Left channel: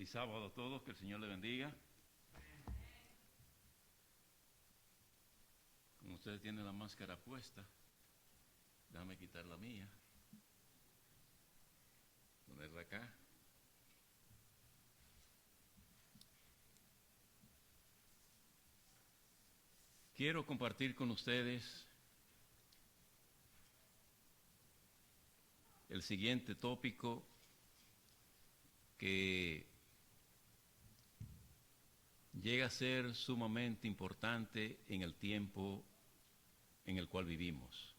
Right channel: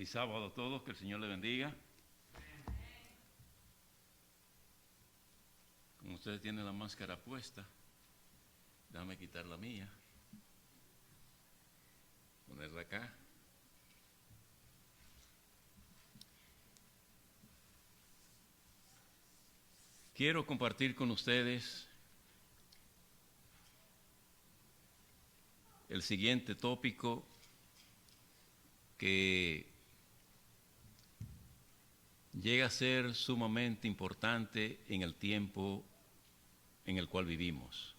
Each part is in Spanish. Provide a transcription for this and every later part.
Feliz sábado a todos, que el Señor les bendiga. Como ustedes tienen la máscara puesta, déjame quitar la mía, ponerla acá. Quiero compartir con ustedes el siguiente tópico que llega a ser sumamente importante en el tiempo en el cual vivimos.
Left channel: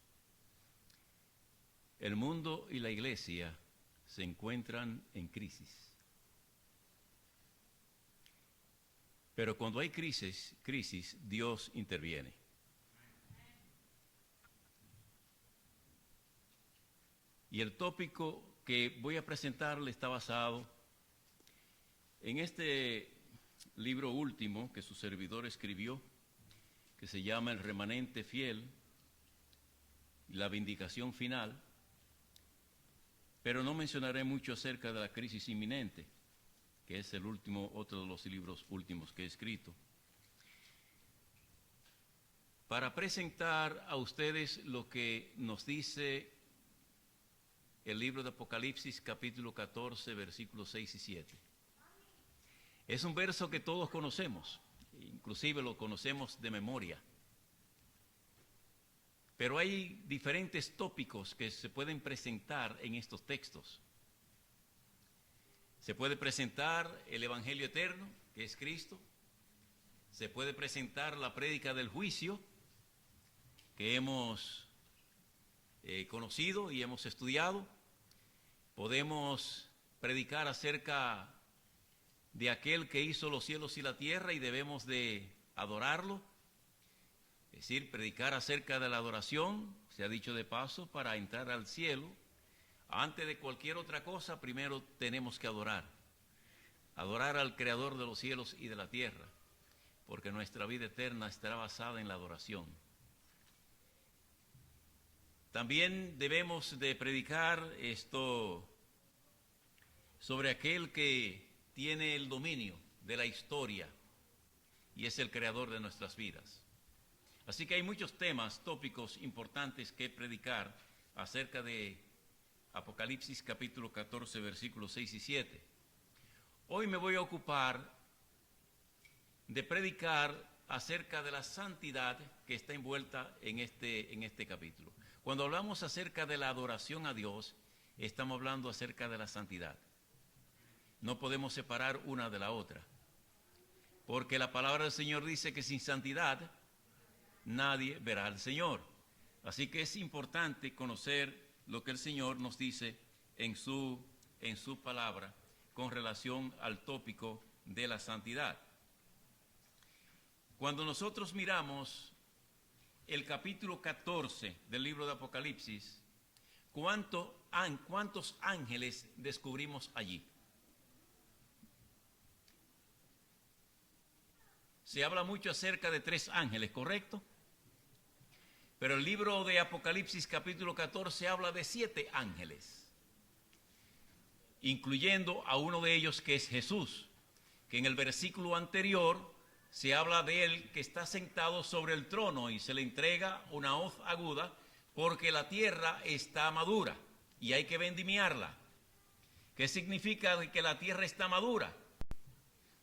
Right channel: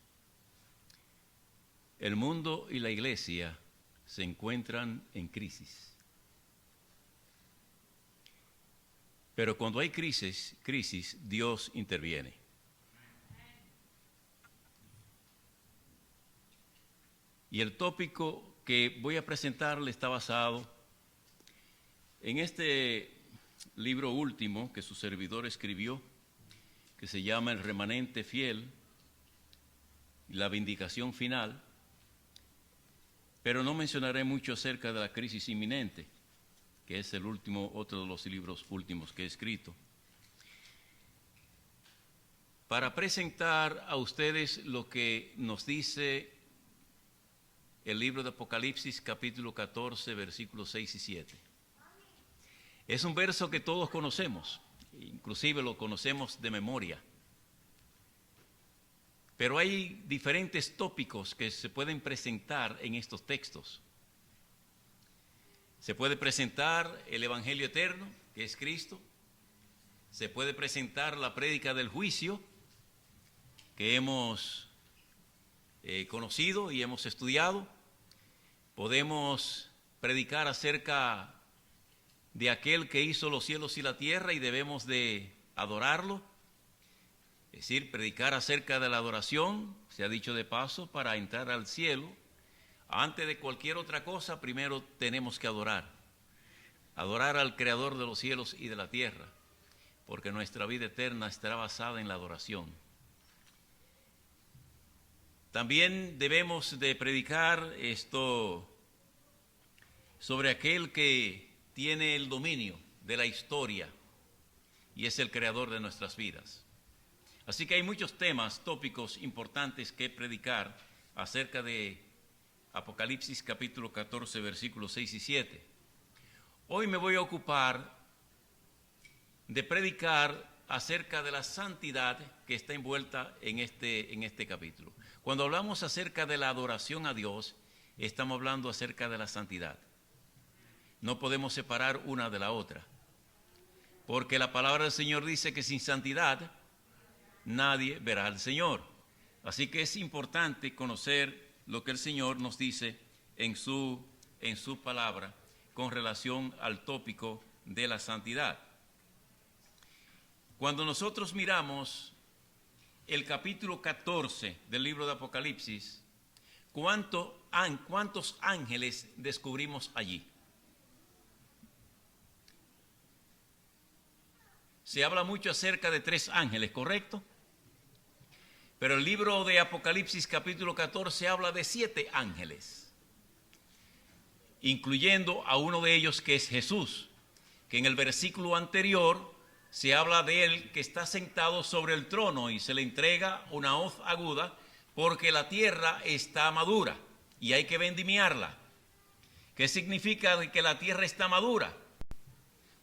El mundo y la iglesia se encuentran en crisis. Pero cuando hay crisis, Dios interviene. Y el tópico que voy a presentarle está basado en este libro último que su servidor escribió, que se llama El remanente fiel y la vindicación final, pero no mencionaré mucho acerca de la crisis inminente, que es el último, otro de los libros últimos que he escrito, para presentar a ustedes lo que nos dice el libro de Apocalipsis, capítulo 14, versículos 6 y 7. Es un verso que todos conocemos, inclusive lo conocemos de memoria. Pero hay diferentes tópicos que se pueden presentar en estos textos. Se puede presentar el Evangelio eterno, que es Cristo. Se puede presentar la prédica del juicio, que hemos conocido y hemos estudiado. Podemos predicar acerca de aquel que hizo los cielos y la tierra y debemos de adorarlo. Es decir, predicar acerca de la adoración, se ha dicho de paso, para entrar al cielo. Antes de cualquier otra cosa, primero tenemos que adorar. Adorar al Creador de los cielos y de la tierra, porque nuestra vida eterna estará basada en la adoración. También debemos de predicar esto sobre aquel que tiene el dominio de la historia y es el creador de nuestras vidas. Así que hay muchos temas, tópicos importantes que predicar acerca de Apocalipsis capítulo 14, versículos 6 y 7. Hoy me voy a ocupar de predicar acerca de la santidad que está envuelta en este capítulo. Cuando hablamos acerca de la adoración a Dios, estamos hablando acerca de la santidad. No podemos separar una de la otra, porque la palabra del Señor dice que sin santidad nadie verá al Señor. Así que es importante conocer lo que el Señor nos dice en su palabra con relación al tópico de la santidad. Cuando nosotros miramos el capítulo 14 del libro de Apocalipsis, ¿cuántos ángeles descubrimos allí? Se habla mucho acerca de 3 ángeles, ¿correcto? Pero el libro de Apocalipsis capítulo 14 habla de 7 ángeles, incluyendo a uno de ellos que es Jesús, que en el versículo anterior se habla de él que está sentado sobre el trono y se le entrega una hoz aguda porque la tierra está madura y hay que vendimiarla. ¿Qué significa que la tierra está madura?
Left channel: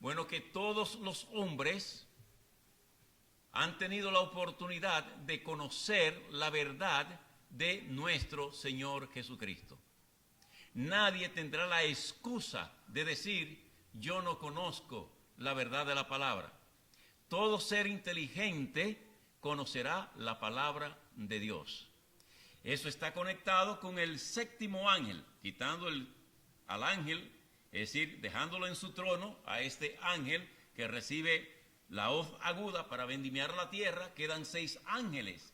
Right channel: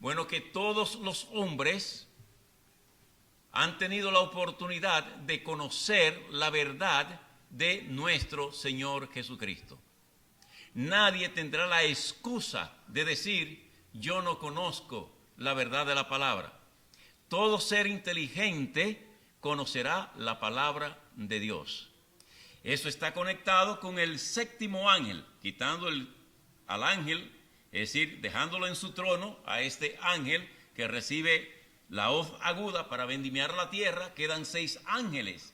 Bueno, que todos los hombres han tenido la oportunidad de conocer la verdad de nuestro Señor Jesucristo. Nadie tendrá la excusa de decir, yo no conozco la verdad de la palabra. Todo ser inteligente conocerá la palabra de Dios. Eso está conectado con el 7º ángel, quitando al ángel, es decir, dejándolo en su trono a este ángel que recibe la hoz aguda para vendimiar la tierra. Quedan 6 ángeles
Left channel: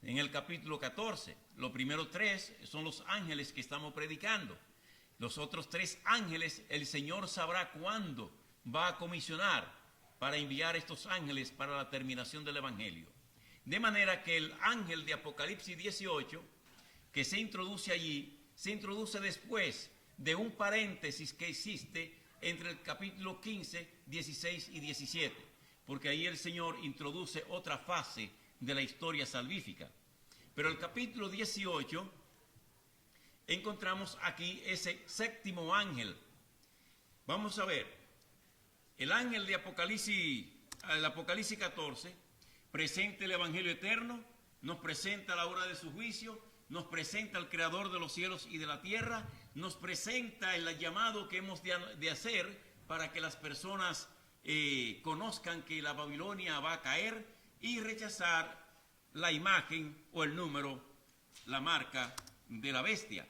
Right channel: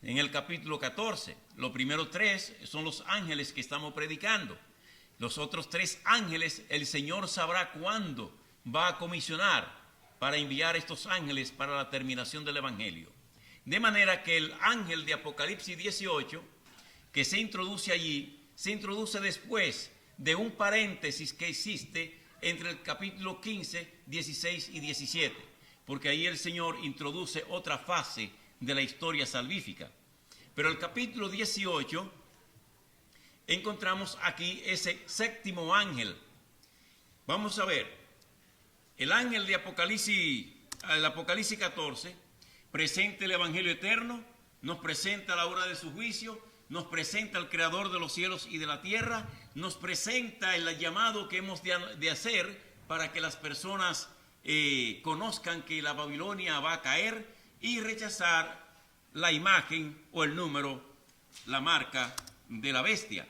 en el capítulo 14. Los primeros 3 son los ángeles que estamos predicando. Los otros 3 ángeles, el Señor sabrá cuándo va a comisionar para enviar estos ángeles para la terminación del Evangelio. De manera que el ángel de Apocalipsis 18, que se introduce allí, se introduce después de un paréntesis que existe entre el capítulo 15, 16 y 17, porque ahí el Señor introduce otra fase de la historia salvífica. Pero el capítulo 18 encontramos aquí ese séptimo ángel. Vamos a ver, el ángel de Apocalipsis, el Apocalipsis 14, presenta el Evangelio eterno, nos presenta la hora de su juicio, nos presenta al Creador de los cielos y de la tierra, nos presenta el llamado que hemos de hacer para que las personas conozcan que la Babilonia va a caer y rechazar la imagen o el número, la marca de la bestia.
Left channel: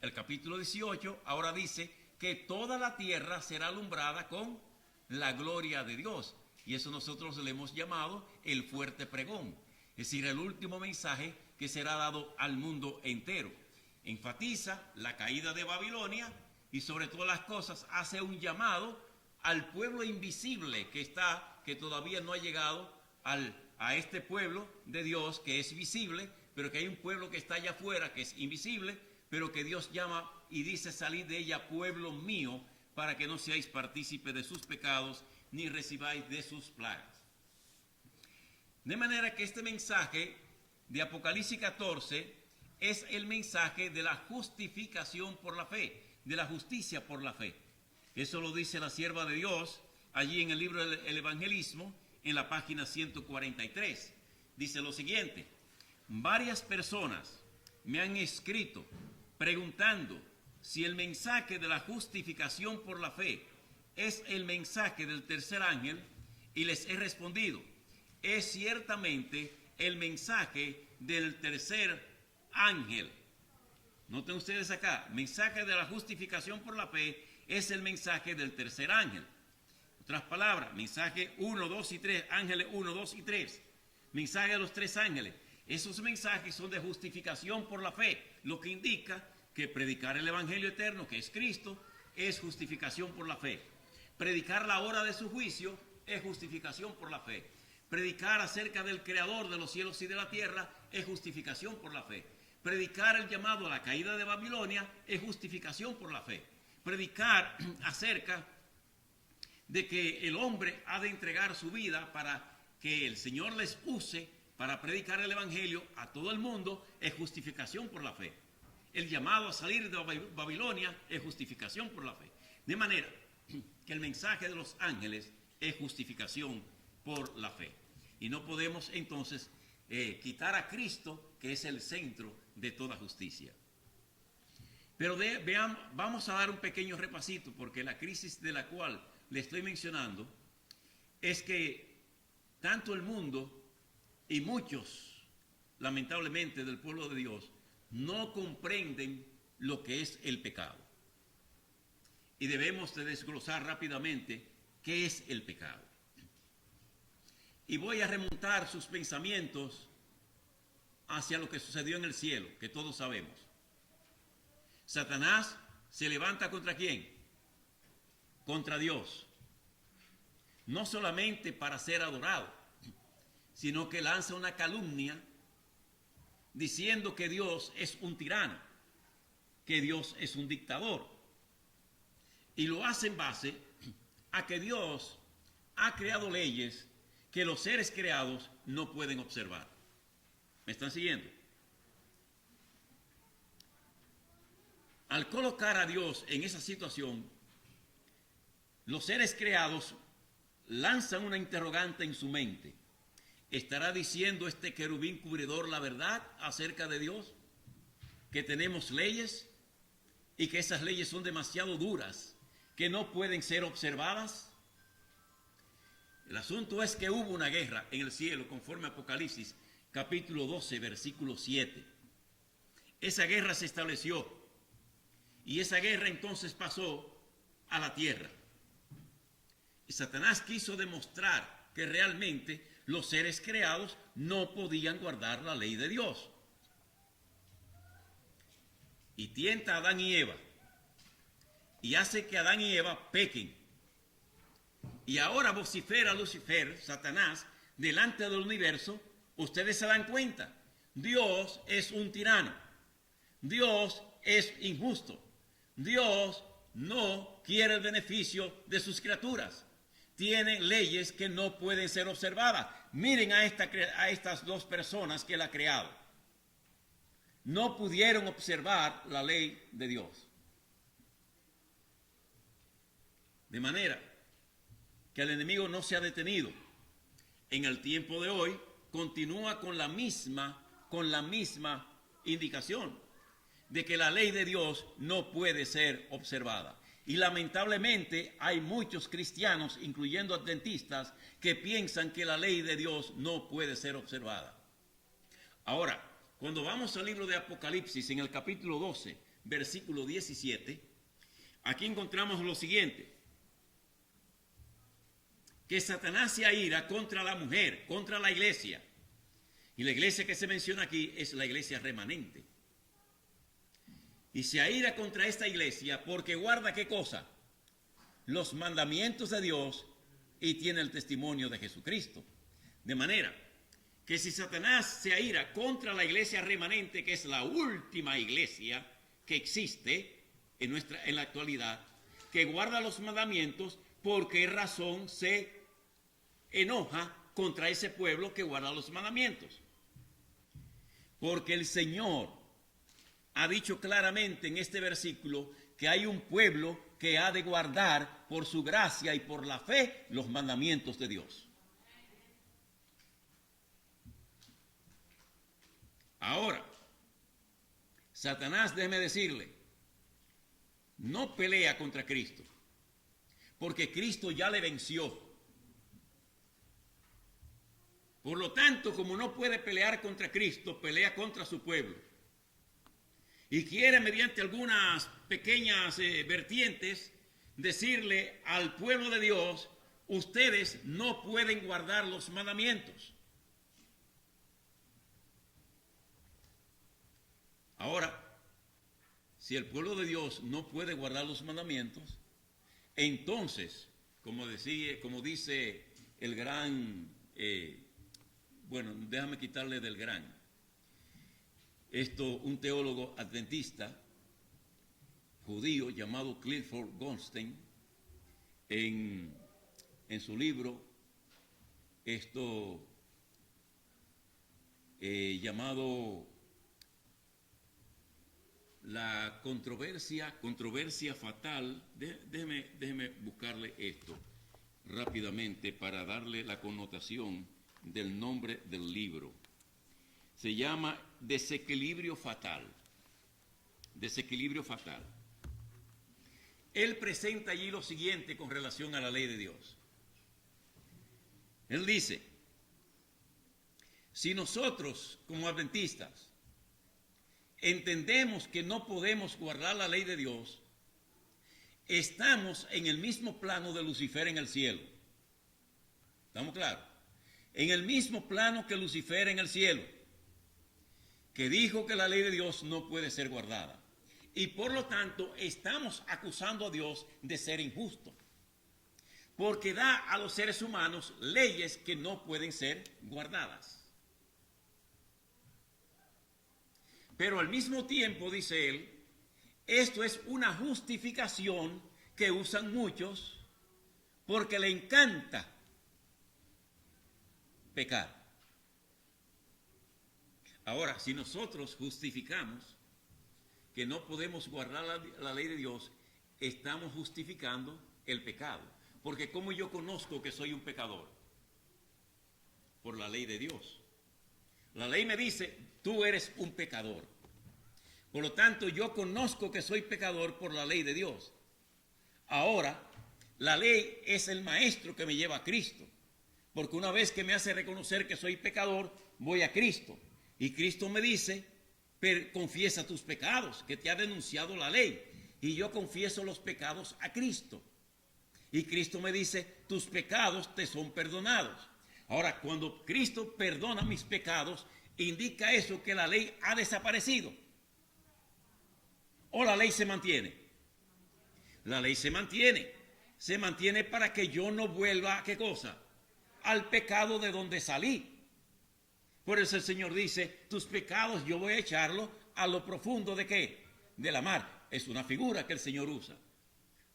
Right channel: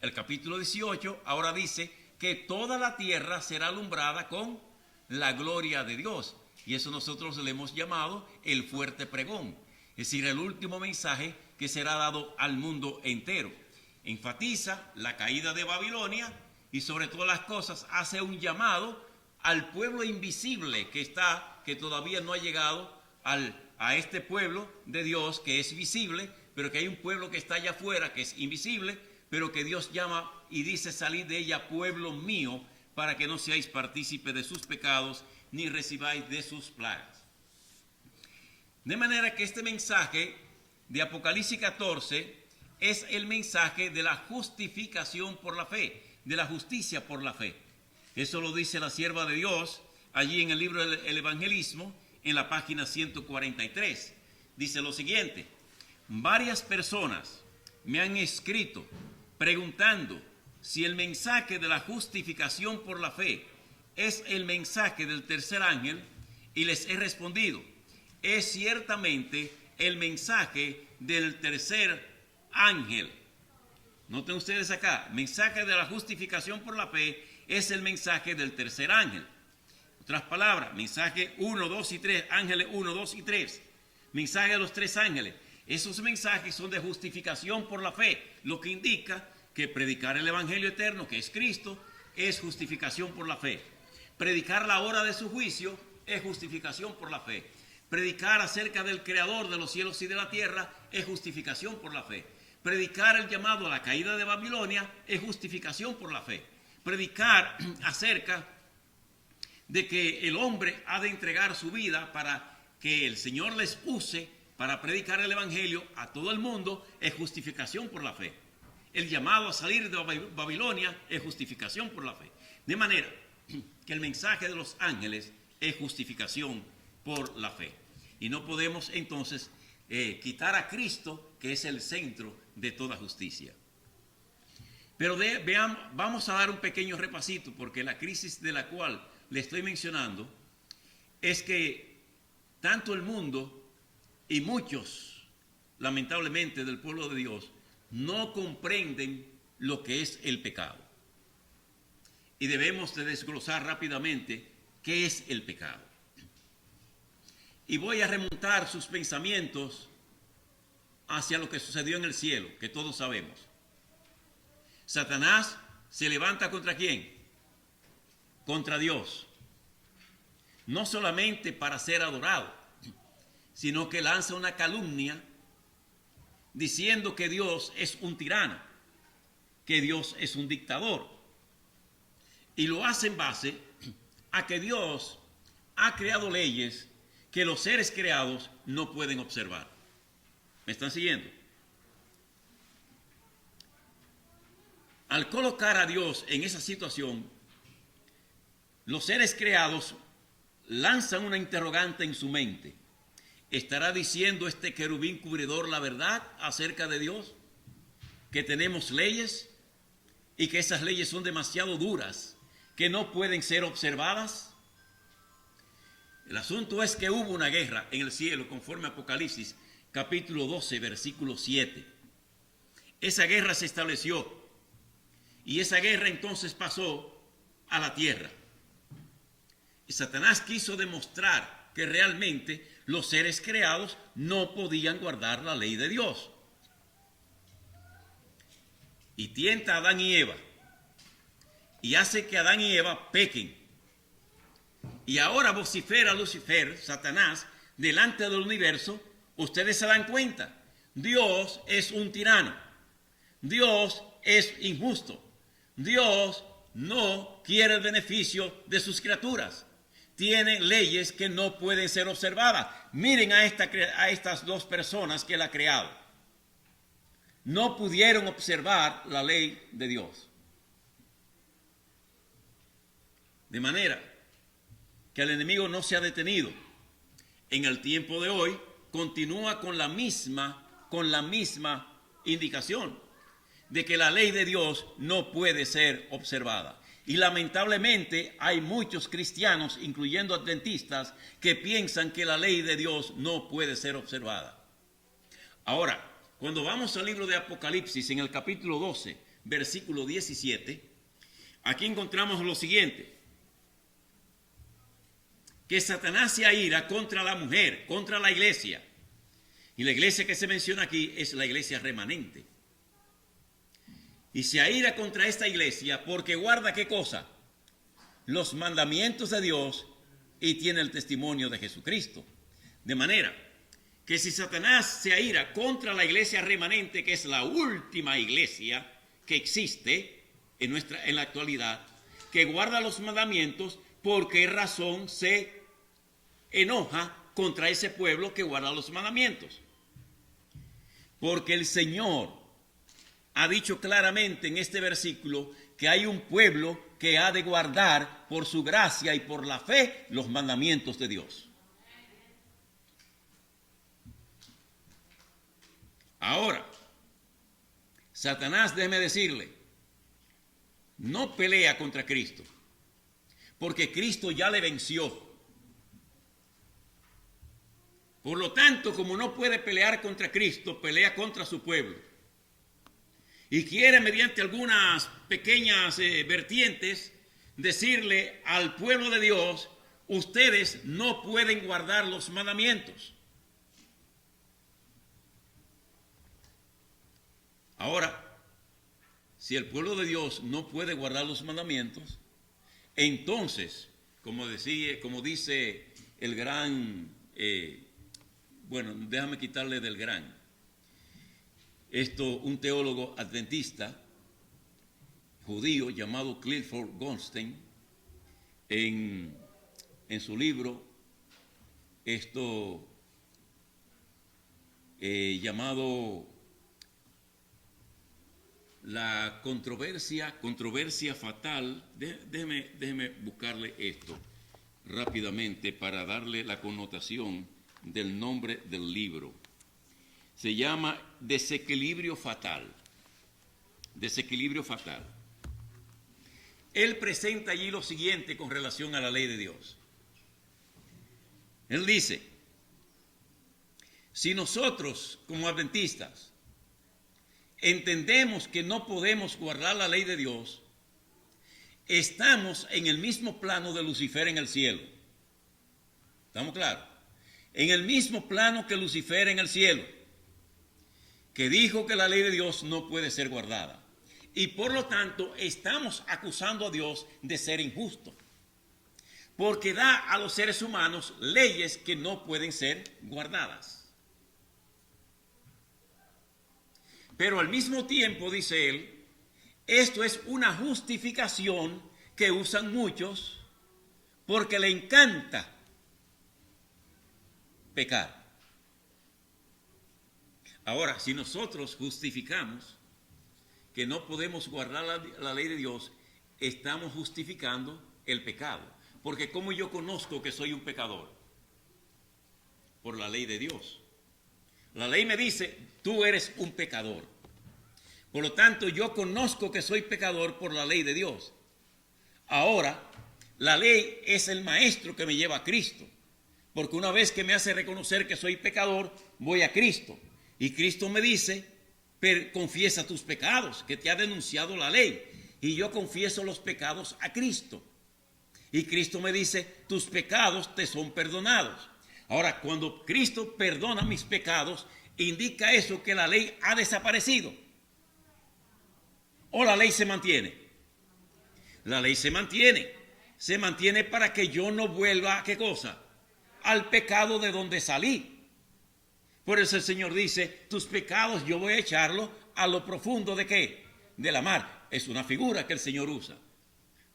El capítulo 18 ahora dice que toda la tierra será alumbrada con la gloria de Dios. Y eso nosotros le hemos llamado el fuerte pregón, es decir, el último mensaje que será dado al mundo entero. Enfatiza la caída de Babilonia y sobre todas las cosas hace un llamado al pueblo invisible que todavía no ha llegado a este pueblo de Dios que es visible, pero que hay un pueblo que está allá afuera que es invisible, pero que Dios llama y dice: salid de ella, pueblo mío, para que no seáis partícipe de sus pecados ni recibáis de sus plagas. De manera que este mensaje de Apocalipsis 14 es el mensaje de la justificación por la fe, de la justicia por la fe. Eso lo dice la sierva de Dios allí en el libro del Evangelismo, en la página 143. Dice lo siguiente: varias personas me han escrito preguntando si el mensaje de la justificación por la fe es el mensaje del tercer ángel, y les he respondido: es ciertamente el mensaje del tercer ángel. Noten ustedes acá, mensaje de la justificación por la fe es el mensaje del tercer ángel. Otras palabras, mensaje 1, 2 y 3, ángeles 1, 2 y 3, mensaje de los tres ángeles. Esos mensajes son de justificación por la fe, lo que indica que predicar el Evangelio eterno, que es Cristo, es justificación por la fe. Predicar la hora de su juicio es justificación por la fe. Predicar acerca del Creador de los cielos y de la tierra es justificación por la fe. Predicar el llamado a la caída de Babilonia es justificación por la fe. Predicar acerca de que el hombre ha de entregar su vida para que el Señor les use para predicar el Evangelio a todo el mundo es justificación por la fe. El llamado a salir de Babilonia es justificación por la fe. De manera que el mensaje de los ángeles es justificación por la fe. Y no podemos entonces quitar a Cristo, que es el centro de toda justicia. Pero vamos a dar un pequeño repasito, porque la crisis de la cual le estoy mencionando es que tanto el mundo y muchos, lamentablemente, del pueblo de Dios no comprenden lo que es el pecado. Y debemos de desglosar rápidamente qué es el pecado. Y voy a remontar sus pensamientos hacia lo que sucedió en el cielo, que todos sabemos. Satanás se levanta ¿contra quién? Contra Dios. No solamente para ser adorado, sino que lanza una calumnia diciendo que Dios es un tirano, que Dios es un dictador. Y lo hace en base a que Dios ha creado leyes que los seres creados no pueden observar. ¿Me están siguiendo? Al colocar a Dios en esa situación, los seres creados lanzan una interrogante en su mente. ¿Estará diciendo este querubín cubridor la verdad acerca de Dios? Que tenemos leyes y que esas leyes son demasiado duras, que no pueden ser observadas. El asunto es que hubo una guerra en el cielo, conforme a Apocalipsis, capítulo 12, versículo 7. Esa guerra se estableció y esa guerra entonces pasó a la tierra. Y Satanás quiso demostrar que realmente los seres creados no podían guardar la ley de Dios. Y tienta a Adán y Eva y hace que Adán y Eva pequen. Y ahora vocifera Lucifer, Satanás, delante del universo. Ustedes se dan cuenta, Dios es un tirano, Dios es injusto, Dios no quiere el beneficio de sus criaturas. Tiene leyes que no pueden ser observadas. Miren a estas dos personas que él ha creado. No pudieron observar la ley de Dios. De manera que el enemigo no se ha detenido. En el tiempo de hoy continúa con la misma indicación de que la ley de Dios no puede ser observada. Y lamentablemente hay muchos cristianos, incluyendo adventistas, que piensan que la ley de Dios no puede ser observada. Ahora, cuando vamos al libro de Apocalipsis, en el capítulo 12, versículo 17, aquí encontramos lo siguiente: que Satanás se aira contra la mujer, contra la iglesia. Y la iglesia que se menciona aquí es la iglesia remanente. Y se aira contra esta iglesia porque guarda ¿qué cosa? Los mandamientos de Dios y tiene el testimonio de Jesucristo. De manera que si Satanás se aira contra la iglesia remanente, que es la última iglesia que existe en la actualidad, que guarda los mandamientos, ¿por qué razón se enoja contra ese pueblo que guarda los mandamientos? Porque el Señor ha dicho claramente en este versículo que hay un pueblo que ha de guardar por su gracia y por la fe los mandamientos de Dios. Ahora, Satanás, déjeme decirle, no pelea contra Cristo, porque Cristo ya le venció. Por lo tanto, como no puede pelear contra Cristo, pelea contra su pueblo. Y quiere, mediante algunas pequeñas vertientes, decirle al pueblo de Dios: ustedes no pueden guardar los mandamientos. Ahora, si el pueblo de Dios no puede guardar los mandamientos, entonces, como dice el gran, déjame quitarle del gran, un teólogo adventista judío llamado Clifford Goldstein, en su libro llamado La controversia fatal. Déjeme buscarle esto rápidamente para darle la connotación del nombre del libro. Se llama Desequilibrio fatal. Desequilibrio fatal. Él presenta allí lo siguiente con relación a la ley de Dios. Él dice: si nosotros como adventistas entendemos que no podemos guardar la ley de Dios, estamos en el mismo plano de Lucifer en el cielo. ¿Estamos claros? En el mismo plano que Lucifer en el cielo, que dijo que la ley de Dios no puede ser guardada. Y por lo tanto estamos acusando a Dios de ser injusto, porque da a los seres humanos leyes que no pueden ser guardadas. Pero al mismo tiempo, dice él, esto es una justificación que usan muchos porque le encanta pecar. Ahora, si nosotros justificamos que no podemos guardar la ley de Dios, estamos justificando el pecado. Porque ¿cómo yo conozco que soy un pecador? Por la ley de Dios. La ley me dice: tú eres un pecador. Por lo tanto, yo conozco que soy pecador por la ley de Dios. Ahora, la ley es el maestro que me lleva a Cristo. Porque una vez que me hace reconocer que soy pecador, voy a Cristo. Y Cristo me dice: confiesa tus pecados, que te ha denunciado la ley. Y yo confieso los pecados a Cristo. Y Cristo me dice: tus pecados te son perdonados. Ahora, cuando Cristo perdona mis pecados, indica eso que la ley ha desaparecido. ¿O la ley se mantiene? La ley se mantiene. Se mantiene para que yo no vuelva ¿a qué cosa? Al pecado de donde salí. Por eso el Señor dice: tus pecados yo voy a echarlos a lo profundo ¿de qué? De la mar. Es una figura que el Señor usa.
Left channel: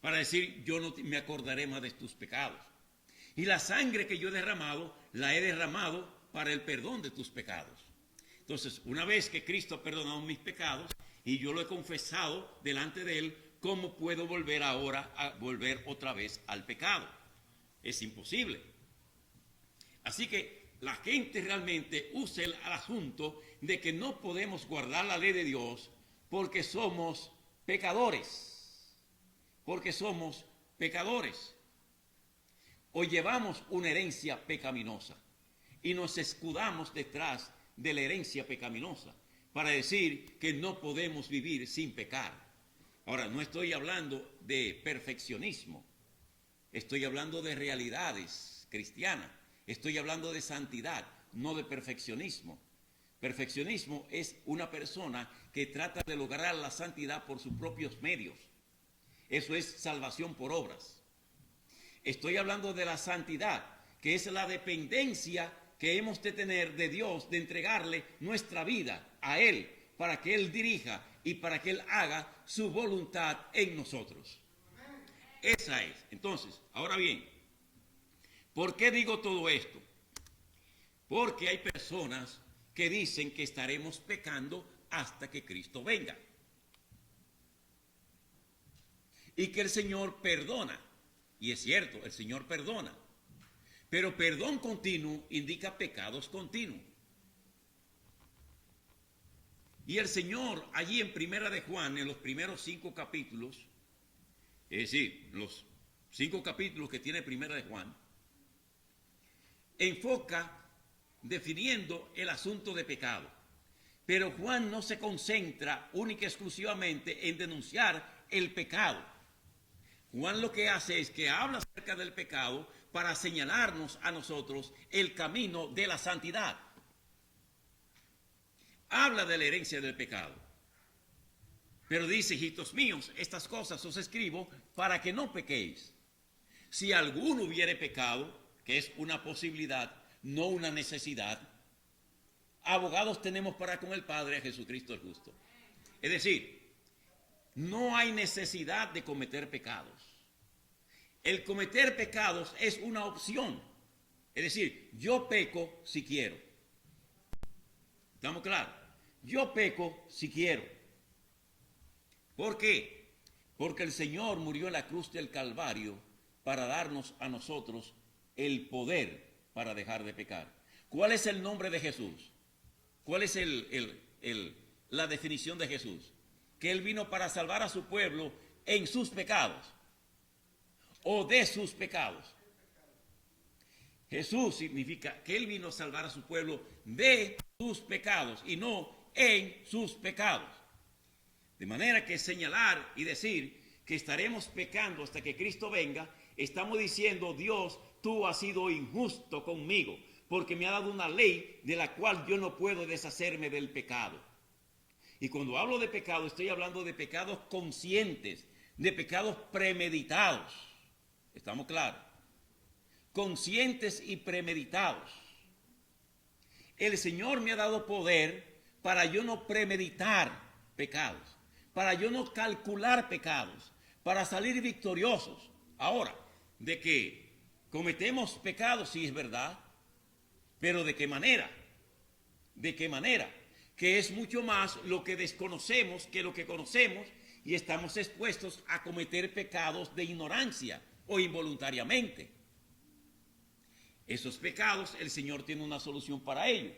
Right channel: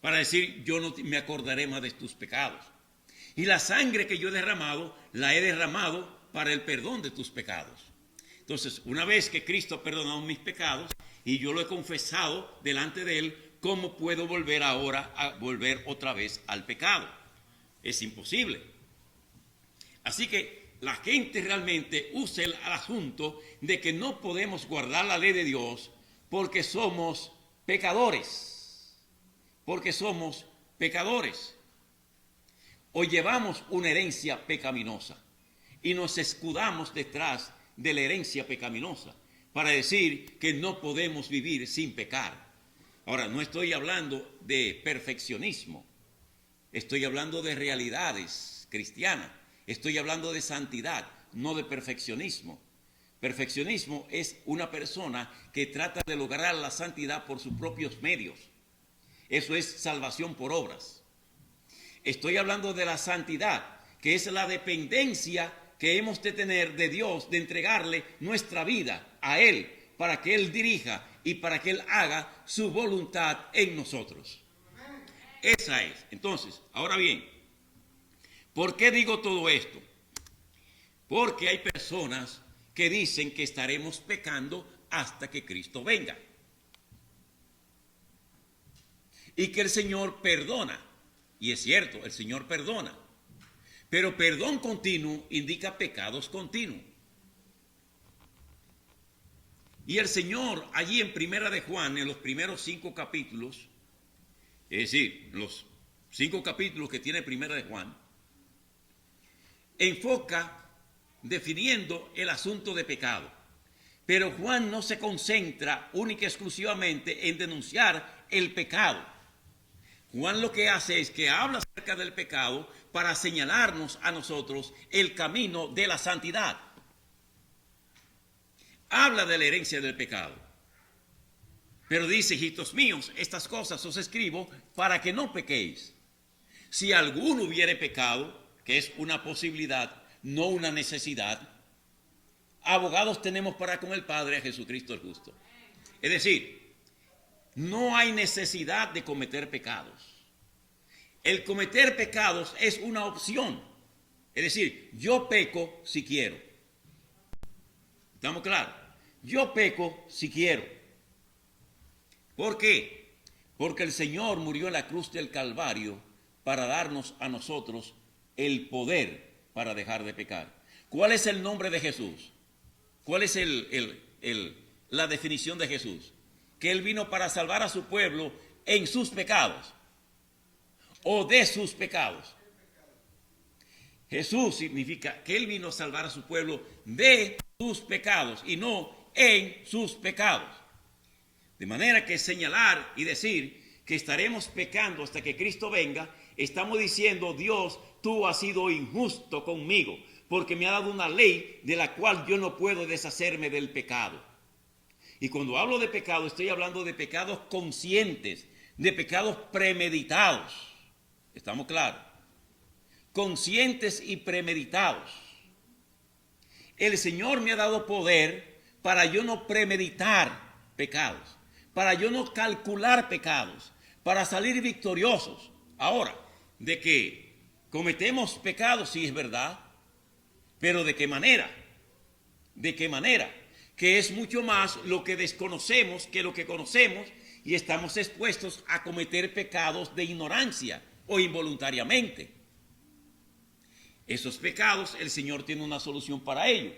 para decir, yo no me acordaré más de tus pecados. Y la sangre que yo he derramado, la he derramado para el perdón de tus pecados. Entonces, una vez que Cristo ha perdonado mis pecados y yo lo he confesado delante de Él, ¿cómo puedo volver ahora a volver otra vez al pecado? Es imposible. Así que la gente realmente usa el asunto de que no podemos guardar la ley de Dios porque somos pecadores. Porque somos pecadores. O llevamos una herencia pecaminosa y nos escudamos detrás de la herencia pecaminosa para decir que no podemos vivir sin pecar. Ahora, no estoy hablando de perfeccionismo, estoy hablando de realidades cristianas, estoy hablando de santidad, no de perfeccionismo. Perfeccionismo es una persona que trata de lograr la santidad por sus propios medios. Eso es salvación por obras. Estoy hablando de la santidad, que es la dependencia que hemos de tener de Dios, de entregarle nuestra vida a Él, para que Él dirija y para que Él haga su voluntad en nosotros. Esa es. Entonces, ahora bien, ¿por qué digo todo esto? Porque hay personas que dicen que estaremos pecando hasta que Cristo venga. Y que el Señor perdona. Y es cierto, el Señor perdona. Pero perdón continuo indica pecados continuos. Y el Señor allí en Primera de Juan, en los primeros 5 capítulos, es decir, los 5 capítulos que tiene Primera de Juan, enfoca definiendo el asunto de pecado. Pero Juan no se concentra única y exclusivamente en denunciar el pecado. Juan lo que hace es que habla acerca del pecado para señalarnos a nosotros el camino de la santidad. Habla de la herencia del pecado. Pero dice, hijitos míos, estas cosas os escribo para que no pequéis. Si alguno hubiere pecado, que es una posibilidad, no una necesidad, abogados tenemos para con el Padre, a Jesucristo el justo. Es decir, no hay necesidad de cometer pecados. El cometer pecados es una opción. Es decir, yo peco si quiero. ¿Estamos claros? Yo peco si quiero. ¿Por qué? Porque el Señor murió en la cruz del Calvario para darnos a nosotros el poder para dejar de pecar. ¿Cuál es el nombre de Jesús? ¿Cuál es la definición de Jesús? Que Él vino para salvar a su pueblo en sus pecados o de sus pecados. Jesús significa que Él vino a salvar a su pueblo de sus pecados y no en sus pecados. De manera que señalar y decir que estaremos pecando hasta que Cristo venga, estamos diciendo, Dios, tú has sido injusto conmigo, porque me ha dado una ley de la cual yo no puedo deshacerme del pecado. Y cuando hablo de pecado, estoy hablando de pecados conscientes, de pecados premeditados. ¿Estamos claros? Conscientes y premeditados. El Señor me ha dado poder para yo no premeditar pecados, para yo no calcular pecados, para salir victoriosos. Ahora, de que cometemos pecados, sí es verdad, pero ¿de qué manera? ¿De qué manera? Que es mucho más lo que desconocemos que lo que conocemos y estamos expuestos a cometer pecados de ignorancia o involuntariamente. Esos pecados el Señor tiene una solución para ello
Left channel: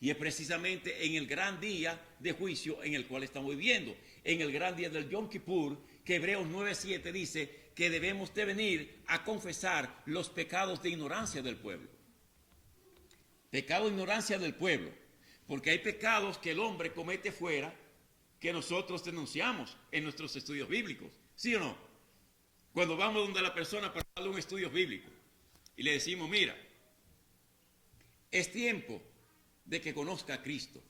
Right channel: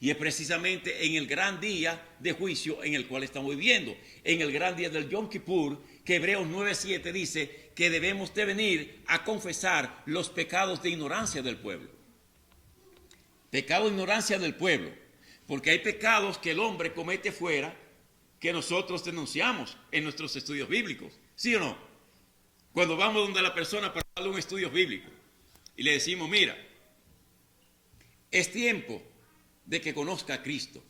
y es precisamente en el gran día de juicio en el cual estamos viviendo, en el gran día del Yom Kippur, que Hebreos 9:7 dice que debemos de venir a confesar los pecados de ignorancia del pueblo. Pecado de ignorancia del pueblo. Porque hay pecados que el hombre comete fuera que nosotros denunciamos en nuestros estudios bíblicos. ¿Sí o no? Cuando vamos donde la persona para darle un estudio bíblico y le decimos, mira, es tiempo de que conozca a Cristo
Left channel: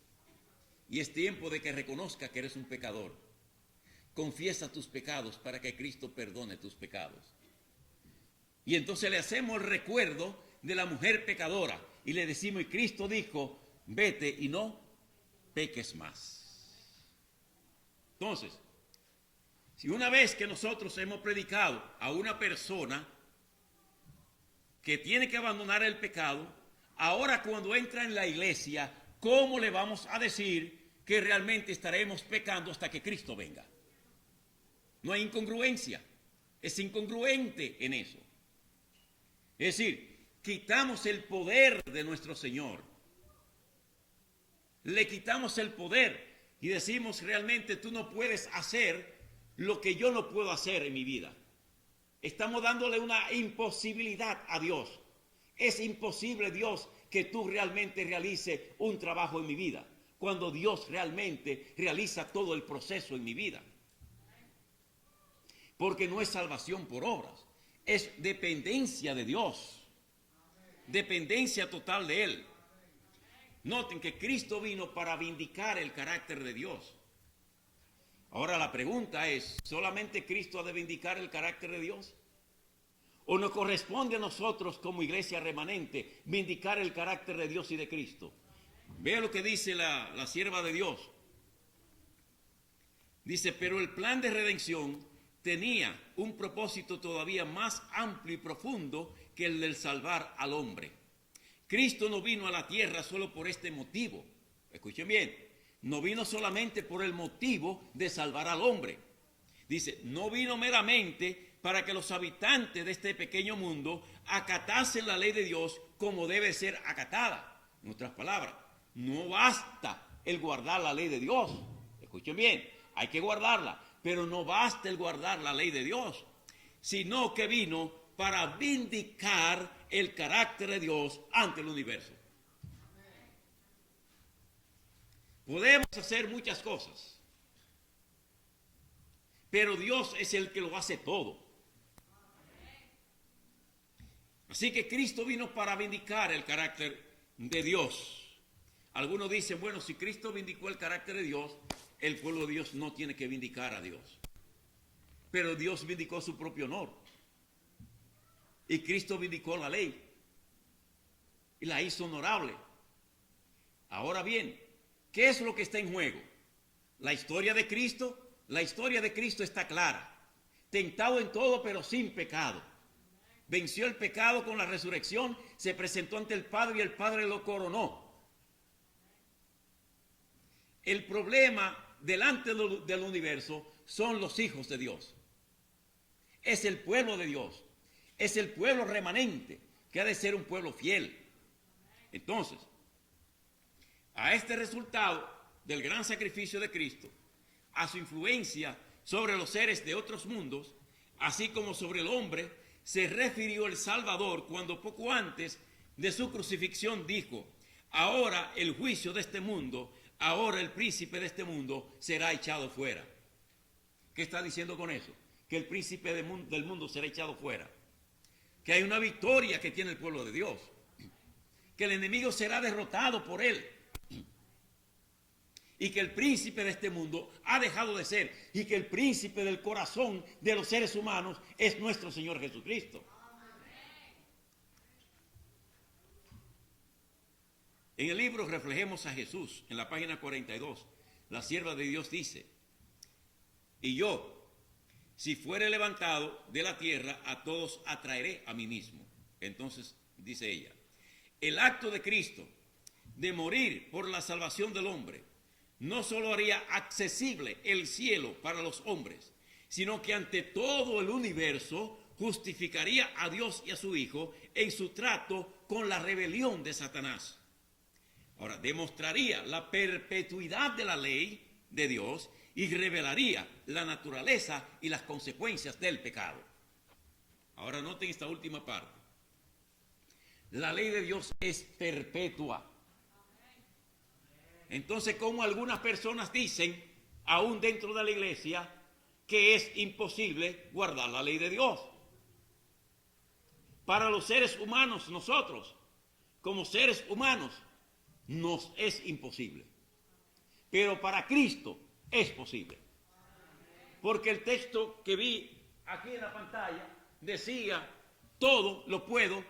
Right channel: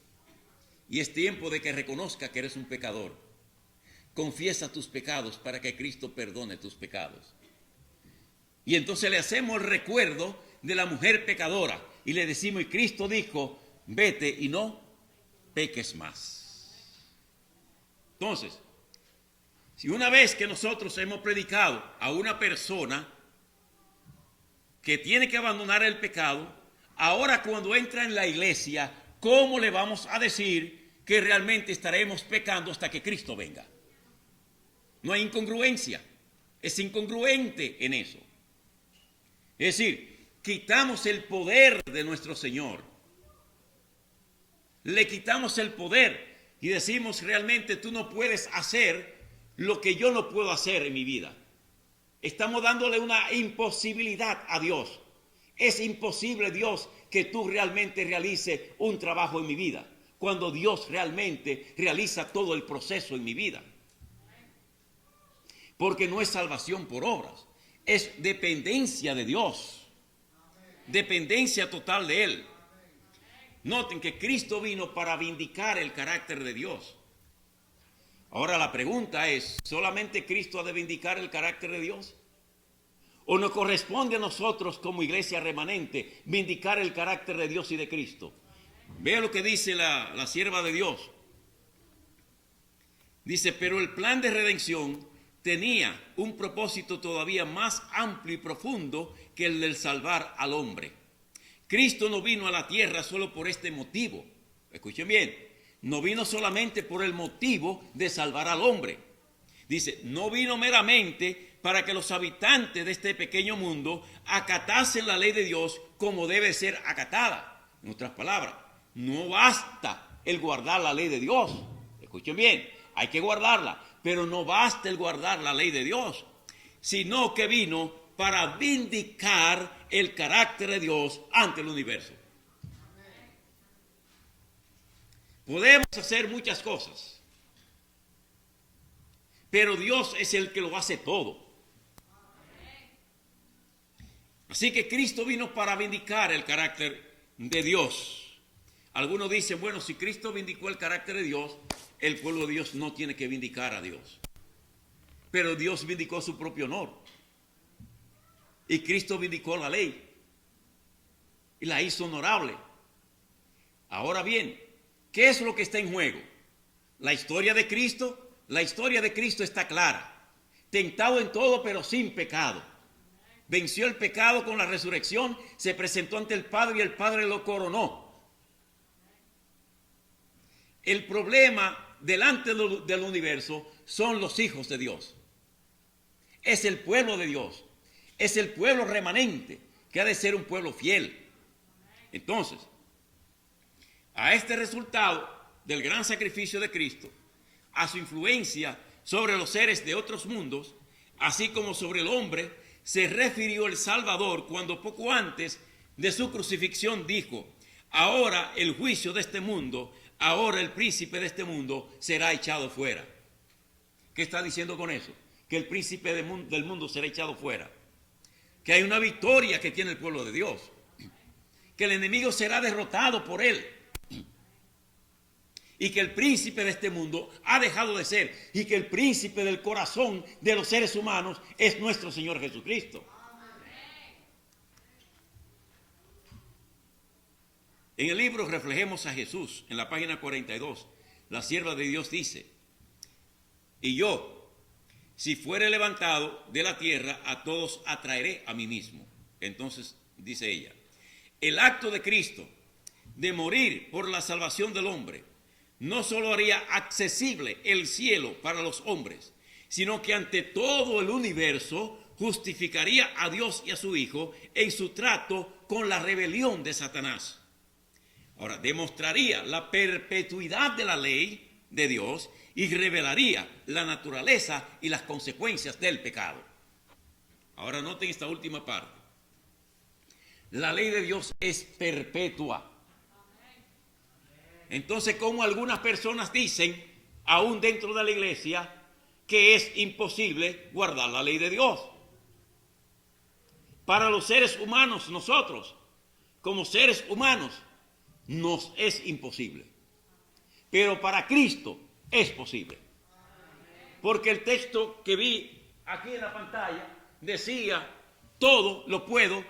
y es tiempo de que reconozca que eres un pecador. Confiesa tus pecados para que Cristo perdone tus pecados. Y entonces le hacemos el recuerdo de la mujer pecadora y le decimos, y Cristo dijo, vete y no peques más. Entonces, Si una vez que nosotros hemos predicado a una persona que tiene que abandonar el pecado, ahora cuando entra en la iglesia, ¿cómo le vamos a decir que realmente estaremos pecando hasta que Cristo venga? No hay incongruencia, es incongruente en eso. Es decir, quitamos el poder de nuestro Señor, le quitamos el poder y decimos realmente tú no puedes hacer lo que yo no puedo hacer en mi vida. Estamos dándole una imposibilidad a Dios. Es imposible, Dios, que tú realmente realices un trabajo en mi vida, cuando Dios realmente realiza todo el proceso en mi vida. Porque no es salvación por obras, es dependencia de Dios, dependencia total de Él. Noten que Cristo vino para vindicar el carácter de Dios. Ahora la pregunta es, ¿solamente Cristo ha de vindicar el carácter de Dios? ¿O nos corresponde a nosotros como iglesia remanente vindicar el carácter de Dios y de Cristo? Vea lo que dice la sierva de Dios. Dice, pero el plan de redención tenía un propósito todavía más amplio y profundo que el del salvar al hombre. Cristo no vino a la tierra solo por este motivo. Escuchen bien. No vino solamente por el motivo de salvar al hombre. Dice, no vino meramente para que los habitantes de este pequeño mundo acatasen la ley de Dios como debe ser acatada. En otras palabras, no basta el guardar la ley de Dios. Escuchen bien, hay que guardarla, pero no basta el guardar la ley de Dios, sino que vino para vindicar el carácter de Dios ante el universo. Podemos hacer muchas cosas, pero Dios es el que lo hace todo. Así que Cristo vino para vindicar el carácter de Dios. Algunos dicen, bueno, si Cristo vindicó el carácter de Dios, el pueblo de Dios no tiene que vindicar a Dios. Pero Dios vindicó su propio honor. Y Cristo vindicó la ley. Y la hizo honorable. Ahora bien, ¿qué es lo que está en juego? La historia de Cristo. La historia de Cristo está clara. Tentado en todo, pero sin pecado. Venció el pecado con la resurrección, se presentó ante el Padre y el Padre lo coronó. El problema delante del universo son los hijos de Dios. Es el pueblo de Dios. Es el pueblo remanente que ha de ser un pueblo fiel. Entonces, a este resultado del gran sacrificio de Cristo, a su influencia sobre los seres de otros mundos, así como sobre el hombre, se refirió el Salvador cuando poco antes de su crucifixión dijo, ahora el juicio de este mundo, ahora el príncipe de este mundo será echado fuera. ¿Qué está diciendo con eso? Que el príncipe del mundo será echado fuera. Que hay una victoria que tiene el pueblo de Dios. Que el enemigo será derrotado por él. Y que el príncipe de este mundo ha dejado de ser. Y que el príncipe del corazón de los seres humanos es nuestro Señor Jesucristo. En el libro Reflejemos a Jesús, en la página 42, la sierva de Dios dice, y yo, si fuere levantado de la tierra, a todos atraeré a mí mismo. Entonces, dice ella, el acto de Cristo de morir por la salvación del hombre, no solo haría accesible el cielo para los hombres, sino que ante todo el universo justificaría a Dios y a su Hijo en su trato con la rebelión de Satanás. Ahora, demostraría la perpetuidad de la ley de Dios y revelaría la naturaleza y las consecuencias del pecado. Ahora noten esta última parte. La ley de Dios es perpetua. Entonces, como algunas personas dicen, aún dentro de la iglesia, que es imposible guardar la ley de Dios. Para los seres humanos, nosotros, como seres humanos, nos es imposible. Pero para Cristo es posible. Porque el texto que vi aquí en la pantalla decía, todo lo puedo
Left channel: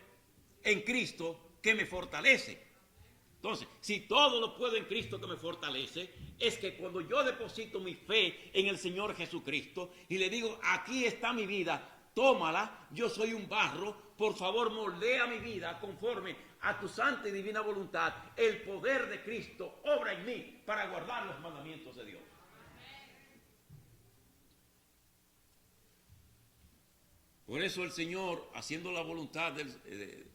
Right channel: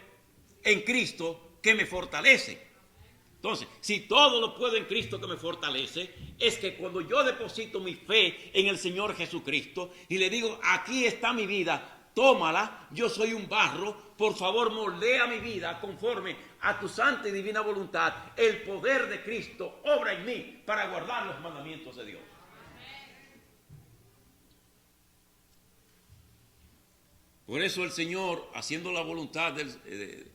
en Cristo que me fortalece. Entonces, si todo lo puedo en Cristo que me fortalece, es que cuando yo deposito mi fe en el Señor Jesucristo y le digo, aquí está mi vida, tómala, yo soy un barro, por favor moldea mi vida conforme a tu santa y divina voluntad. El poder de Cristo obra en mí para guardar los mandamientos de Dios. Por eso el Señor, haciendo la voluntad de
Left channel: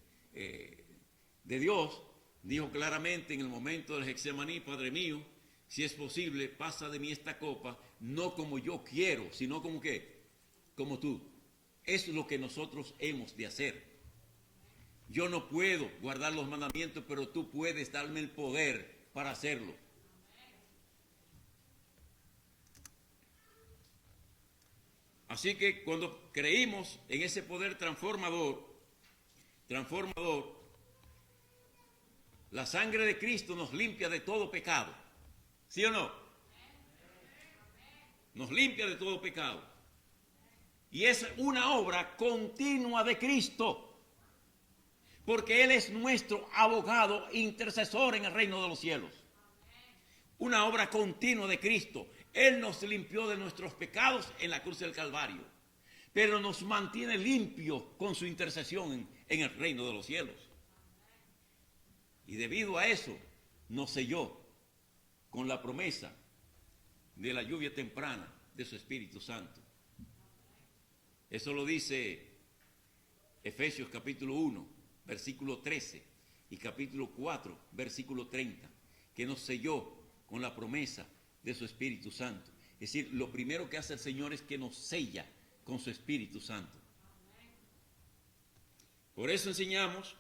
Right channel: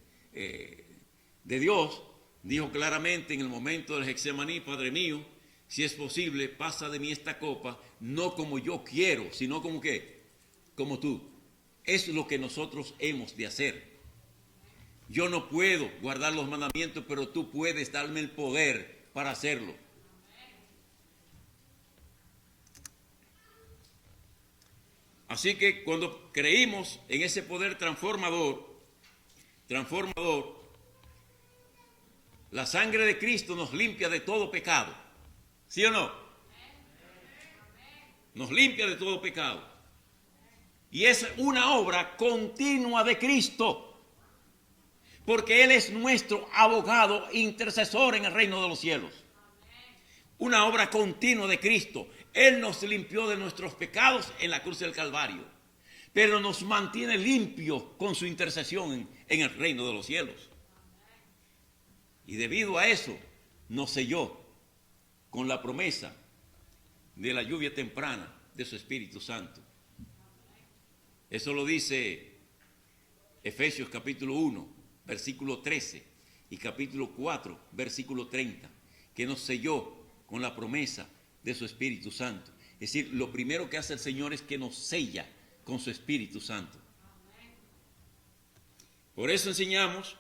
Dios, dijo claramente en el momento del Getsemaní, Padre mío, si es posible, pasa de mí esta copa, no como yo quiero, sino como ¿qué? Como tú. Es lo que nosotros hemos de hacer. Yo no puedo guardar los mandamientos, pero tú puedes darme el poder para hacerlo. Así que cuando creímos en ese poder transformador, la sangre de Cristo nos limpia de todo pecado. ¿Sí o no? Nos limpia de todo pecado. Y es una obra continua de Cristo, porque Él es nuestro abogado intercesor en el reino de los cielos. Una obra continua de Cristo. Él nos limpió de nuestros pecados en la cruz del Calvario, pero nos mantiene limpios con su intercesión en el reino de los cielos. Y debido a eso nos selló con la promesa de la lluvia temprana de su Espíritu Santo. Eso lo dice Efesios capítulo 1, versículo 13 y capítulo 4, versículo 30, que nos selló con la promesa de su Espíritu Santo. Es decir, lo primero que hace el Señor es que nos sella con su Espíritu Santo. Por eso enseñamos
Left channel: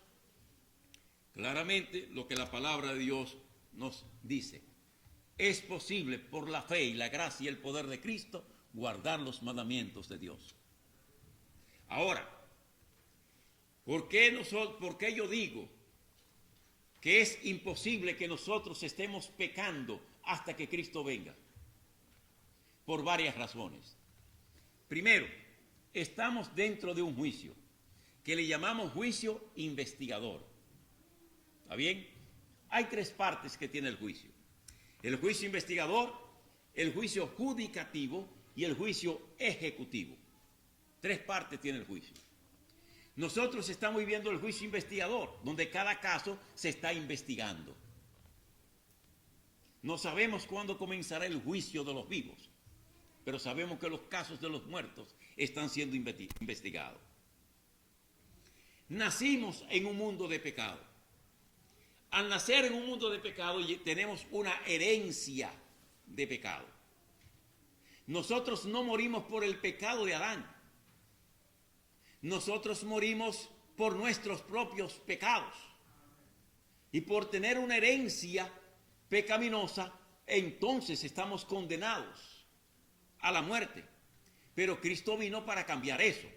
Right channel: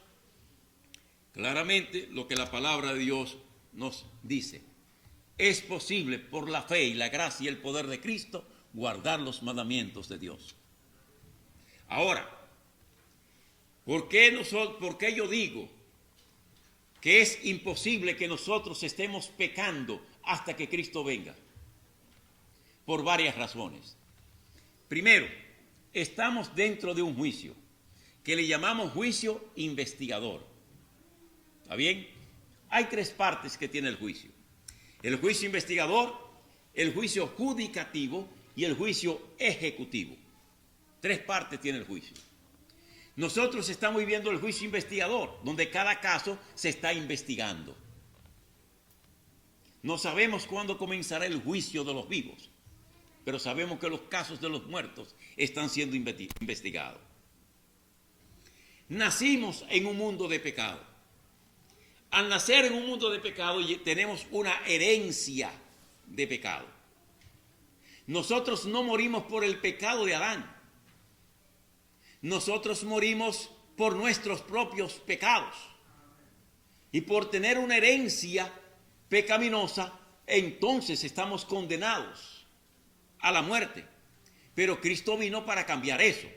claramente lo que la palabra de Dios nos dice. Es posible por la fe y la gracia y el poder de Cristo guardar los mandamientos de Dios. Ahora, ¿por qué yo digo que es imposible que nosotros estemos pecando hasta que Cristo venga? Por varias razones. Primero, estamos dentro de un juicio que le llamamos juicio investigador. ¿Está bien? Hay tres partes que tiene el juicio. El juicio investigador, el juicio judicativo y el juicio ejecutivo. Tres partes tiene el juicio. Nosotros estamos viviendo el juicio investigador, donde cada caso se está investigando. No sabemos cuándo comenzará el juicio de los vivos, pero sabemos que los casos de los muertos están siendo investigados. Nacimos en un mundo de pecado. Al nacer en un mundo de pecado tenemos una herencia de pecado. Nosotros no morimos por el pecado de Adán. Nosotros morimos por nuestros propios pecados. Y por tener una herencia pecaminosa, entonces estamos condenados a la muerte. Pero Cristo vino para cambiar eso.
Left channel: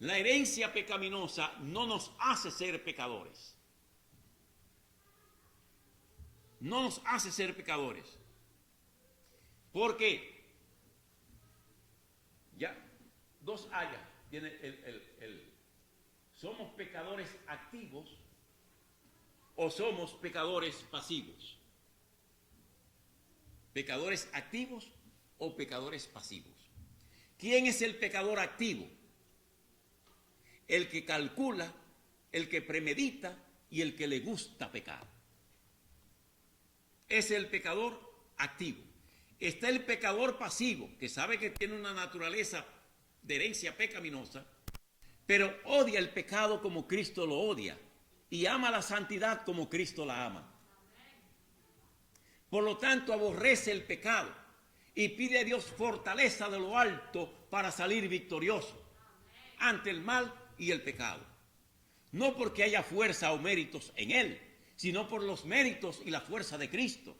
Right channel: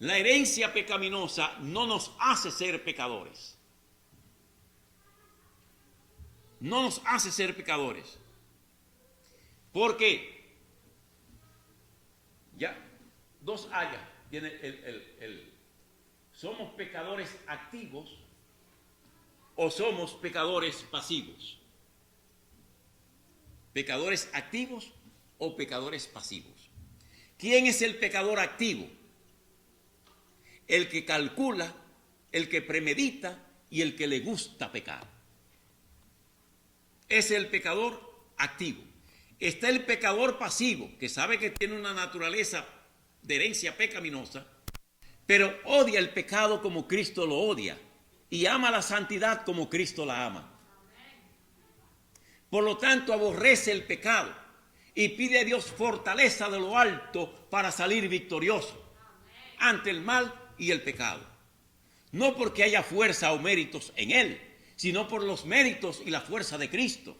La herencia pecaminosa no nos hace ser pecadores. No nos hace ser pecadores. Porque ya dos áreas tiene somos pecadores activos o somos pecadores pasivos. Pecadores activos o pecadores pasivos. ¿Quién es el pecador activo? El que calcula, el que premedita y el que le gusta pecar. Es el pecador activo. Está el pecador pasivo, que sabe que tiene una naturaleza de herencia pecaminosa, pero odia el pecado como Cristo lo odia y ama la santidad como Cristo la ama. Por lo tanto, aborrece el pecado y pide a Dios fortaleza de lo alto para salir victorioso ante el mal y el pecado. No porque haya fuerza o méritos en él, sino por los méritos y la fuerza de Cristo.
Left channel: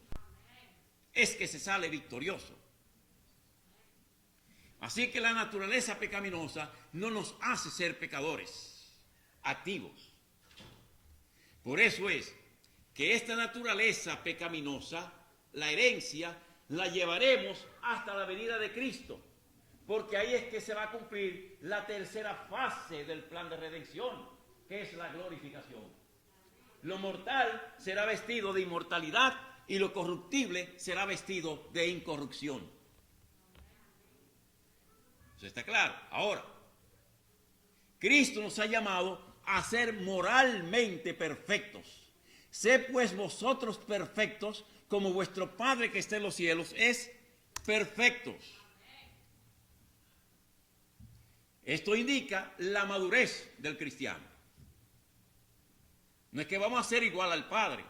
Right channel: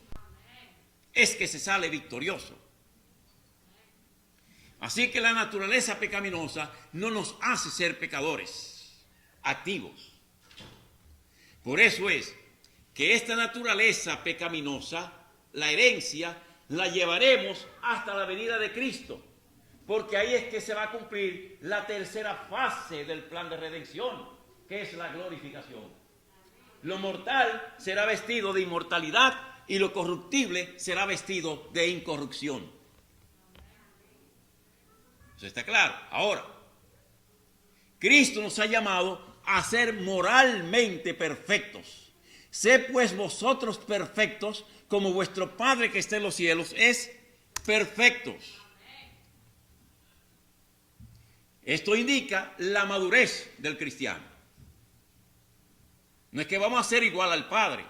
Es que se sale victorioso. Así que la naturaleza pecaminosa no nos hace ser pecadores activos. Por eso es que esta naturaleza pecaminosa, la herencia, la llevaremos hasta la venida de Cristo. Porque ahí es que se va a cumplir la tercera fase del plan de redención, ¿Qué es la glorificación? Lo mortal será vestido de inmortalidad y lo corruptible será vestido de incorrupción. ¿Eso está claro? Ahora, Cristo nos ha llamado a ser moralmente perfectos. Sed pues vosotros perfectos, como vuestro Padre que está en los cielos es perfectos. Esto indica la madurez del cristiano. No es que vamos a ser igual al Padre.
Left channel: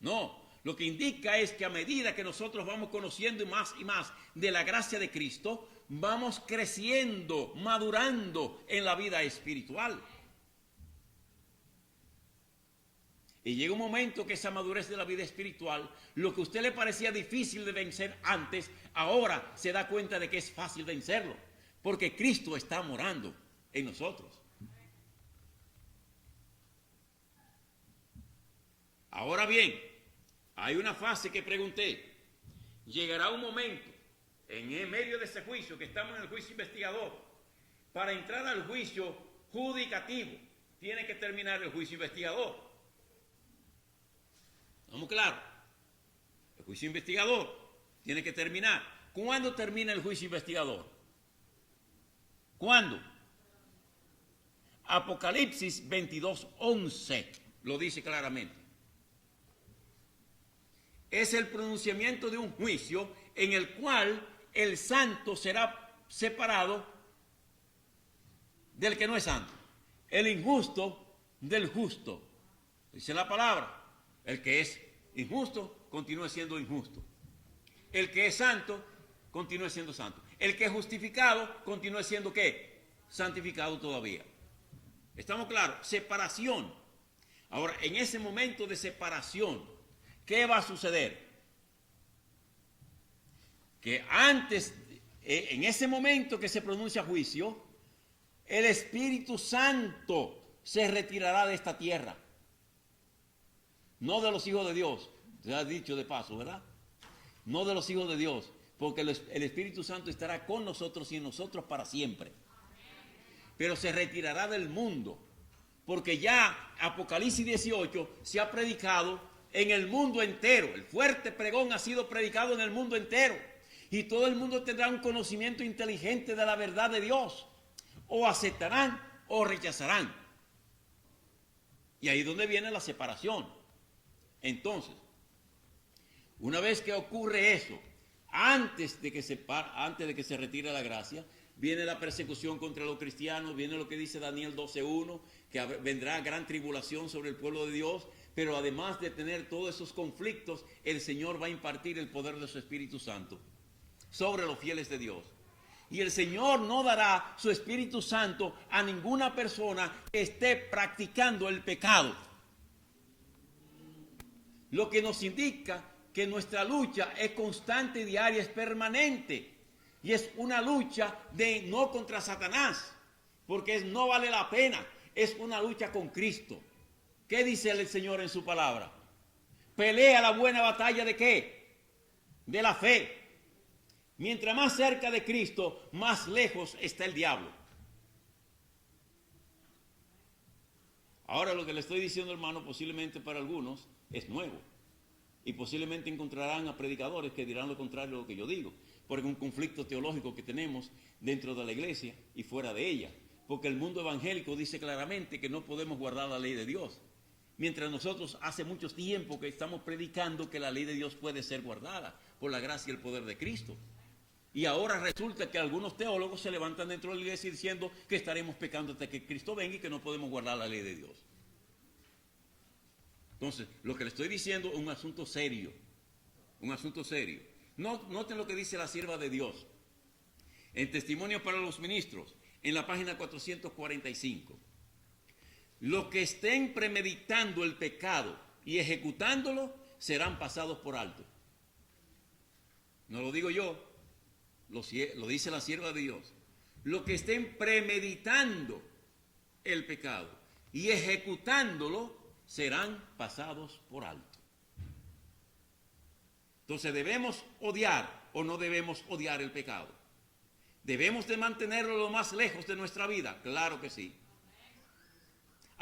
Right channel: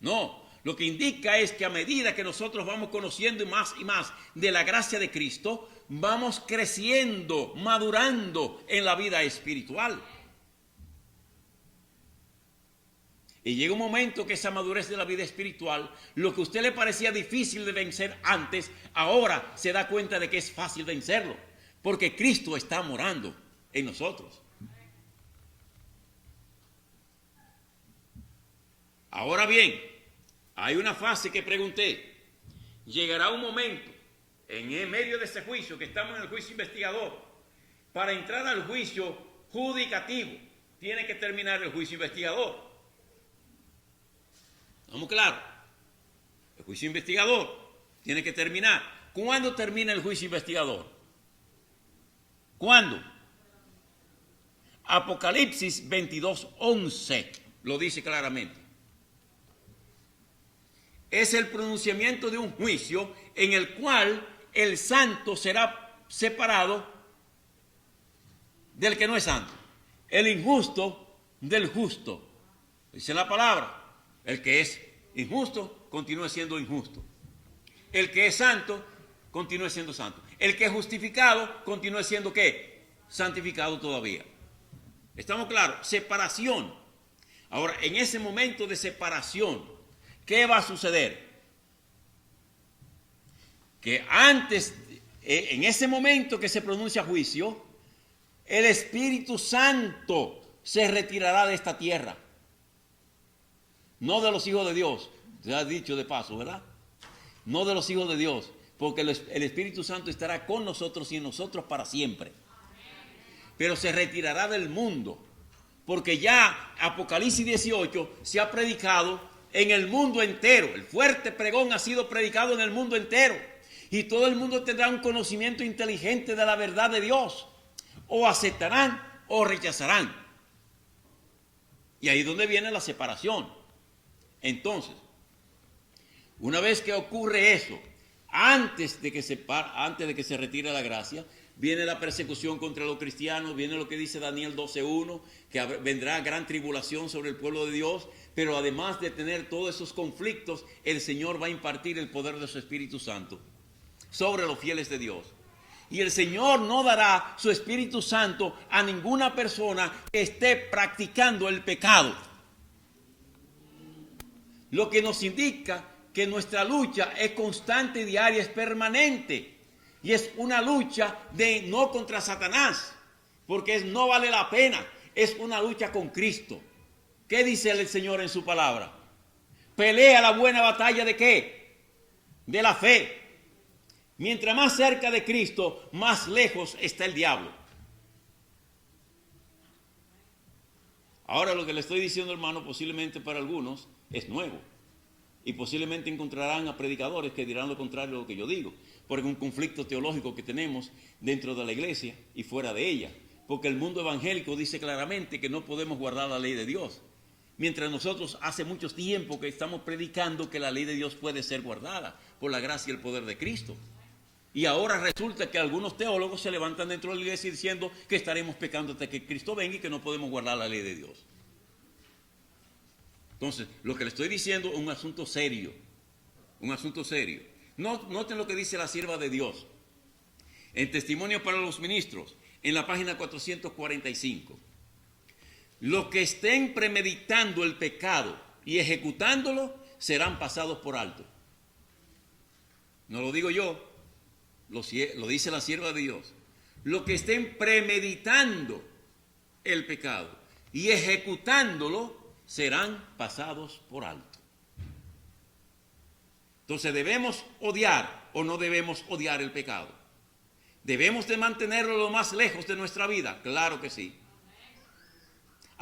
No, lo que indica es que a medida que nosotros vamos conociendo y más de la gracia de Cristo, vamos creciendo, madurando en la vida espiritual. Y llega un momento que esa madurez de la vida espiritual, lo que a usted le parecía difícil de vencer antes, ahora se da cuenta de que es fácil vencerlo, porque Cristo está morando en nosotros. Ahora bien, hay una fase que pregunté. Llegará un momento, en medio de ese juicio, que estamos en el juicio investigador, para entrar al juicio judicativo, tiene que terminar el juicio investigador. ¿Estamos claros? El juicio investigador tiene que terminar. ¿Cuándo termina el juicio investigador? ¿Cuándo? Apocalipsis 22:11 lo dice claramente. Es el pronunciamiento de un juicio en el cual el santo será separado del que no es santo, el injusto del justo. Dice la palabra, el que es injusto continúa siendo injusto, el que es santo continúa siendo santo, el que es justificado continúa siendo ¿qué? Santificado todavía. ¿Estamos claros? Separación. Ahora, en ese momento de separación, ¿qué va a suceder? Que antes, en ese momento que se pronuncia juicio, el Espíritu Santo se retirará de esta tierra. No de los hijos de Dios, se ha dicho de paso, ¿verdad? No de los hijos de Dios, porque el Espíritu Santo estará con nosotros y en nosotros para siempre. Pero se retirará del mundo, porque ya Apocalipsis 18 se ha predicado en el mundo entero. El fuerte pregón ha sido predicado en el mundo entero. Y todo el mundo tendrá un conocimiento inteligente de la verdad de Dios. O aceptarán o rechazarán. Y ahí es donde viene la separación. Entonces, una vez que ocurre eso, antes de que se retire la gracia, viene la persecución contra los cristianos, viene lo que dice Daniel 12:1, que vendrá gran tribulación sobre el pueblo de Dios, pero además de tener todos esos conflictos, el Señor va a impartir el poder de su Espíritu Santo sobre los fieles de Dios. Y el Señor no dará su Espíritu Santo a ninguna persona que esté practicando el pecado. Lo que nos indica que nuestra lucha es constante, diaria, es permanente. Y es una lucha de no contra Satanás, porque no vale la pena. Es una lucha con Cristo. ¿Qué dice el Señor en su palabra? Pelea la buena batalla ¿de qué? De la fe. Mientras más cerca de Cristo, más lejos está el diablo. Ahora lo que le estoy diciendo, hermano, posiblemente para algunos es nuevo. Y posiblemente encontrarán a predicadores que dirán lo contrario de lo que yo digo. Porque es un conflicto teológico que tenemos dentro de la iglesia y fuera de ella. Porque el mundo evangélico dice claramente que no podemos guardar la ley de Dios. Mientras nosotros hace mucho tiempo que estamos predicando que la ley de Dios puede ser guardada por la gracia y el poder de Cristo. Y ahora resulta que algunos teólogos se levantan dentro de la iglesia diciendo que estaremos pecando hasta que Cristo venga y que no podemos guardar la ley de Dios. Entonces, lo que le estoy diciendo es un asunto serio. Un asunto serio. Noten lo que dice la sierva de Dios. En Testimonio para los Ministros, en la página 445. Los que estén premeditando el pecado y ejecutándolo serán pasados por alto. No lo digo yo, lo dice la sierva de Dios. Los que estén premeditando el pecado y ejecutándolo serán pasados por alto. Entonces, ¿debemos odiar o no debemos odiar el pecado? ¿Debemos de mantenerlo lo más lejos de nuestra vida? Claro que sí.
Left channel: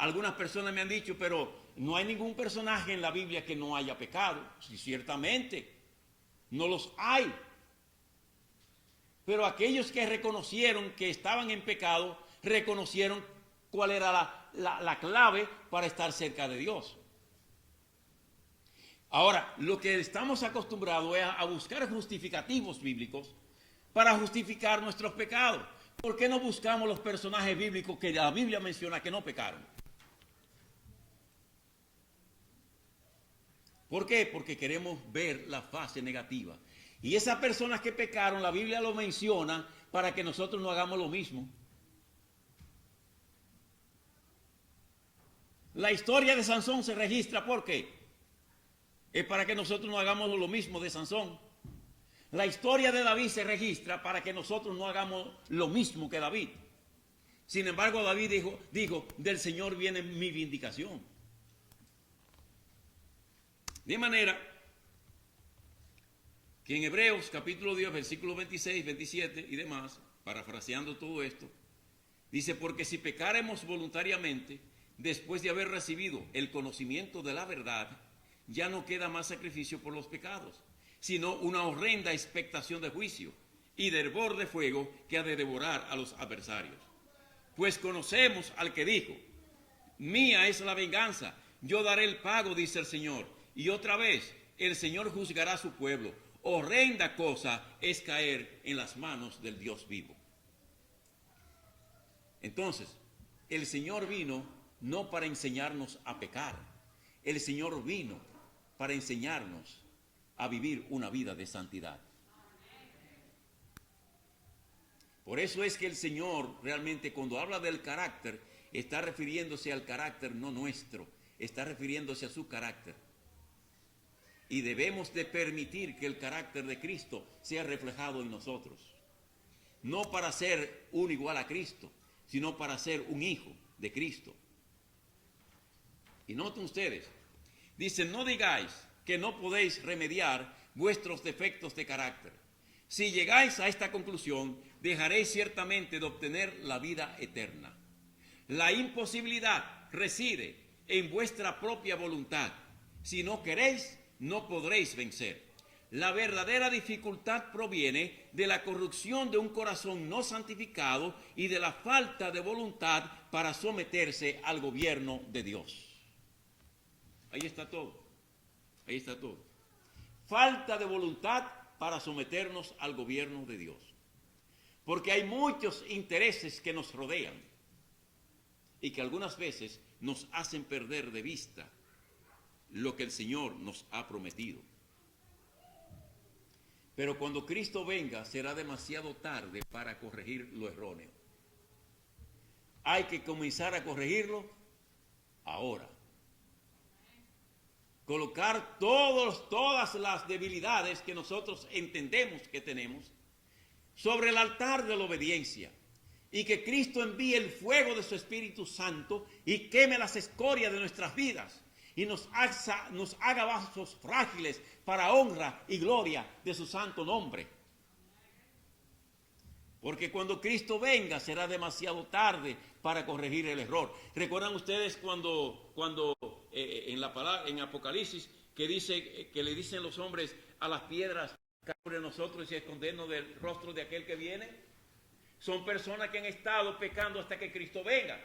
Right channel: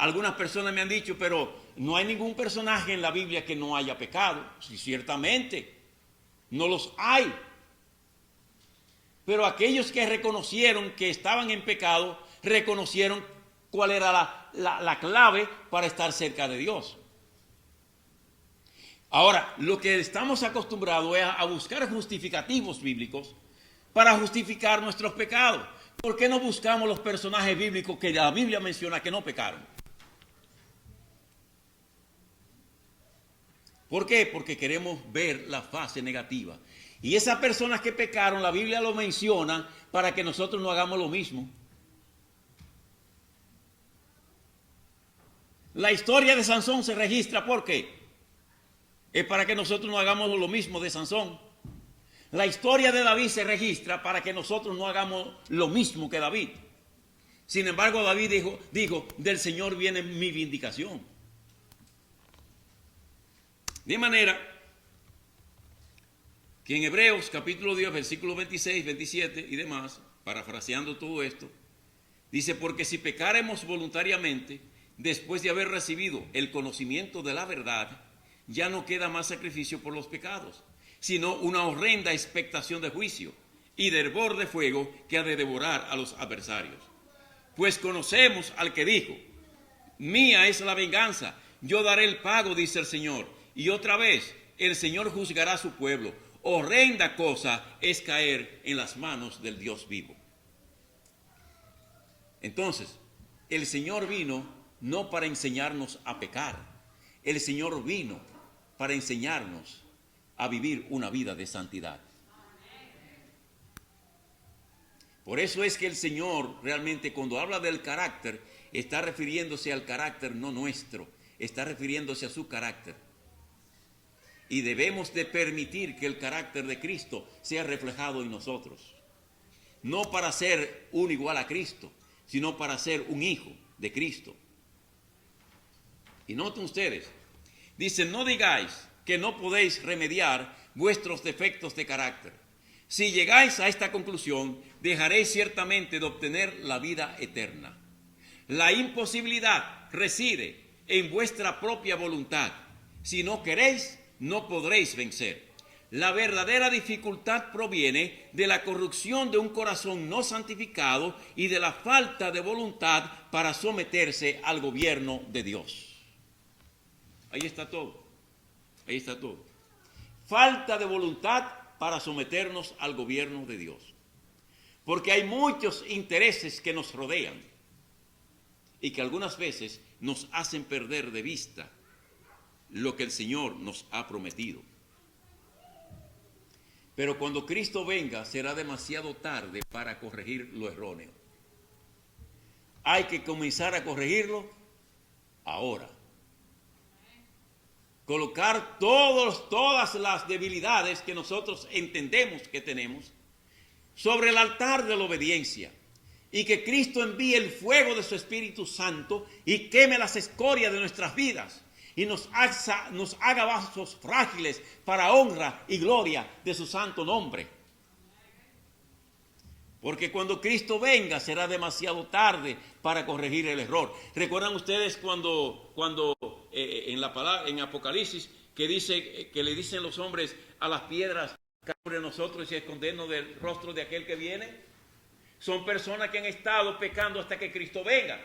algunas personas me han dicho, pero no hay ningún personaje en la Biblia que no haya pecado. Sí, ciertamente, no los hay. Pero aquellos que reconocieron que estaban en pecado, reconocieron cuál era la clave para estar cerca de Dios. Ahora, lo que estamos acostumbrados es a buscar justificativos bíblicos para justificar nuestros pecados. ¿Por qué no buscamos los personajes bíblicos que la Biblia menciona que no pecaron? ¿Por qué? Porque queremos ver la fase negativa. Y esas personas que pecaron, la Biblia lo menciona para que nosotros no hagamos lo mismo. La historia de Sansón se registra, ¿por qué? Es para que nosotros no hagamos lo mismo de Sansón. La historia de David se registra para que nosotros no hagamos lo mismo que David. Sin embargo, David dijo, del Señor viene mi vindicación. De manera que en Hebreos capítulo 10, versículos 26, 27 y demás, parafraseando todo esto, dice, porque si pecáremos voluntariamente, después de haber recibido el conocimiento de la verdad, ya no queda más sacrificio por los pecados, sino una horrenda expectación de juicio y de hervor de fuego que ha de devorar a los adversarios. Pues conocemos al que dijo, mía es la venganza, yo daré el pago, dice el Señor. Y otra vez, el Señor juzgará a su pueblo. Horrenda cosa es caer en las manos del Dios vivo. Entonces, el Señor vino no para enseñarnos a pecar. El Señor vino para enseñarnos a vivir una vida de santidad. Por eso es que el Señor realmente cuando habla del carácter, está refiriéndose al carácter no nuestro, está refiriéndose a su carácter. Y debemos de permitir que el carácter de Cristo sea reflejado en nosotros. No para ser un igual a Cristo, sino para ser un hijo de Cristo. Y noten ustedes, dicen, no digáis que no podéis remediar vuestros defectos de carácter. Si llegáis a esta conclusión, dejaréis ciertamente de obtener la vida eterna. La imposibilidad reside en vuestra propia voluntad. Si no queréis, no podréis vencer. La verdadera dificultad proviene de la corrupción de un corazón no santificado y de la falta de voluntad para someterse al gobierno de Dios. Ahí está todo. Ahí está todo. Falta de voluntad para someternos al gobierno de Dios. Porque hay muchos intereses que nos rodean y que algunas veces nos hacen perder de vista lo que el Señor nos ha prometido. Pero cuando Cristo venga será demasiado tarde para corregir lo erróneo. Hay que comenzar a corregirlo ahora. Colocar todas las debilidades que nosotros entendemos que tenemos sobre el altar de la obediencia y que Cristo envíe el fuego de su Espíritu Santo y queme las escorias de nuestras vidas y nos haga vasos frágiles para honra y gloria de su santo nombre. Porque cuando Cristo venga será demasiado tarde para corregir el error. ¿Recuerdan ustedes cuando en Apocalipsis que dice que le dicen los hombres a las piedras caer sobre nosotros y escondernos del rostro de aquel que viene? Son personas que han estado pecando hasta que Cristo venga,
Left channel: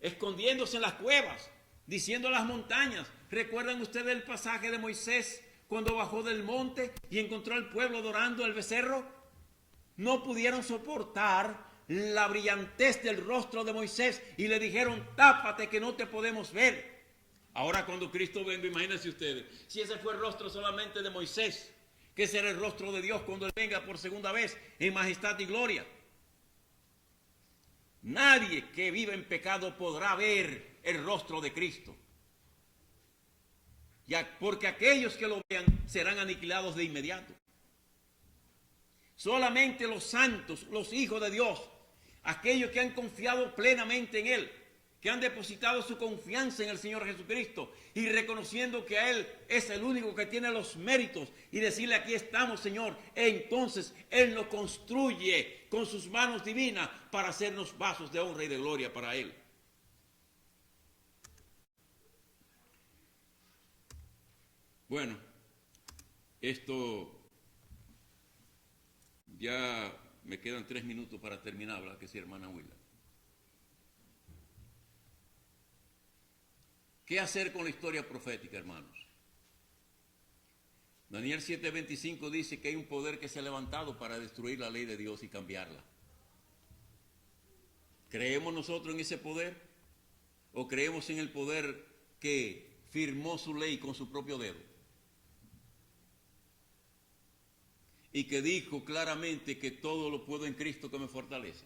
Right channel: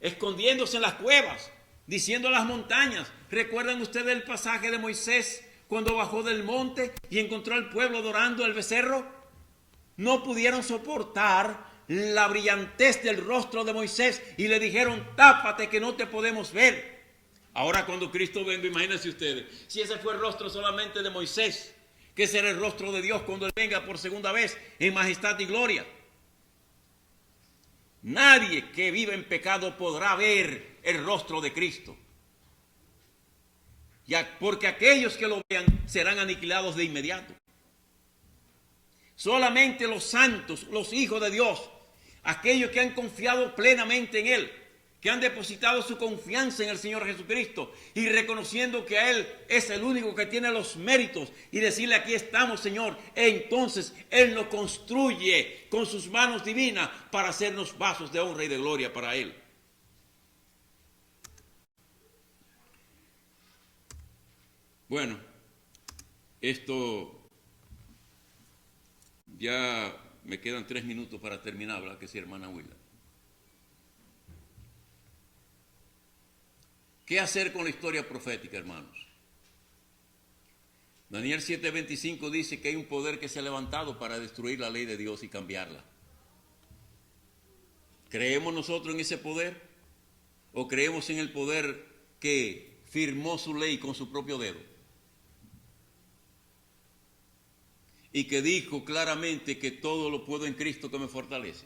escondiéndose en las cuevas, diciendo a las montañas. ¿Recuerdan ustedes el pasaje de Moisés cuando bajó del monte y encontró al pueblo adorando al becerro? No pudieron soportar la brillantez del rostro de Moisés y le dijeron, tápate que no te podemos ver. Ahora cuando Cristo venga, imagínense ustedes, si ese fue el rostro solamente de Moisés, ¿qué será el rostro de Dios cuando Él venga por segunda vez en majestad y gloria? Nadie que vive en pecado podrá ver el rostro de Cristo. Porque aquellos que lo vean serán aniquilados de inmediato. Solamente los santos, los hijos de Dios, aquellos que han confiado plenamente en Él, que han depositado su confianza en el Señor Jesucristo y reconociendo que a Él es el único que tiene los méritos y decirle aquí estamos, Señor, entonces Él nos construye con sus manos divinas para hacernos vasos de honra y de gloria para Él. Bueno, esto ya me quedan 3 minutos para terminar, ¿verdad que sí, hermana Willa? ¿Qué hacer con la historia profética, hermanos? Daniel 7:25 dice que hay un poder que se ha levantado para destruir la ley de Dios y cambiarla. ¿Creemos nosotros en ese poder? ¿O creemos en el poder que firmó su ley con su propio dedo? Y que dijo claramente que todo lo puedo en Cristo que me fortalece.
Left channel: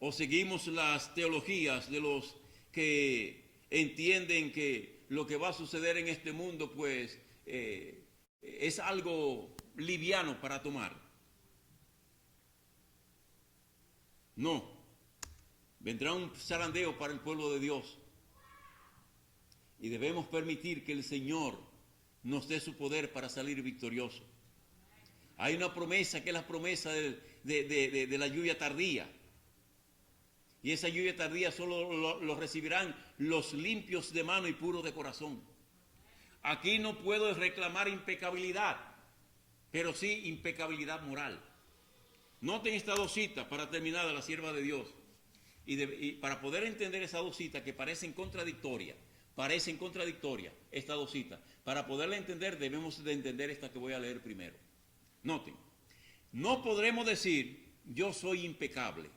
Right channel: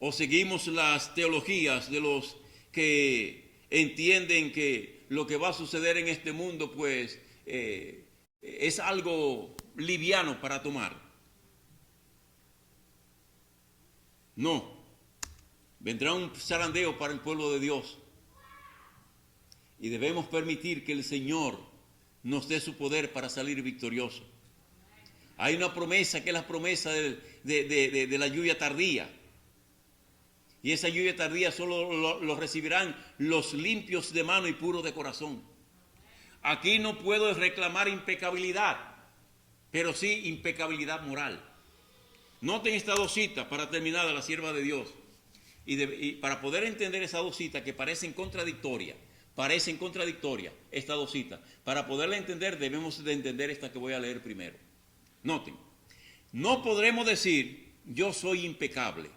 ¿O seguimos las teologías de los que entienden que lo que va a suceder en este mundo pues es algo liviano para tomar? No, vendrá un zarandeo para el pueblo de Dios y debemos permitir que el Señor nos dé su poder para salir victorioso. Hay una promesa que es la promesa de la lluvia tardía. Y esa lluvia tardía solo lo recibirán los limpios de mano y puros de corazón. Aquí no puedo reclamar impecabilidad, pero sí impecabilidad moral. Noten estas dos citas para terminar de la sierva de Dios. Y para poder entender esas dos citas que parecen contradictorias, estas dos citas. Para poderla entender debemos de entender esta que voy a leer primero. Noten, no podremos decir yo soy impecable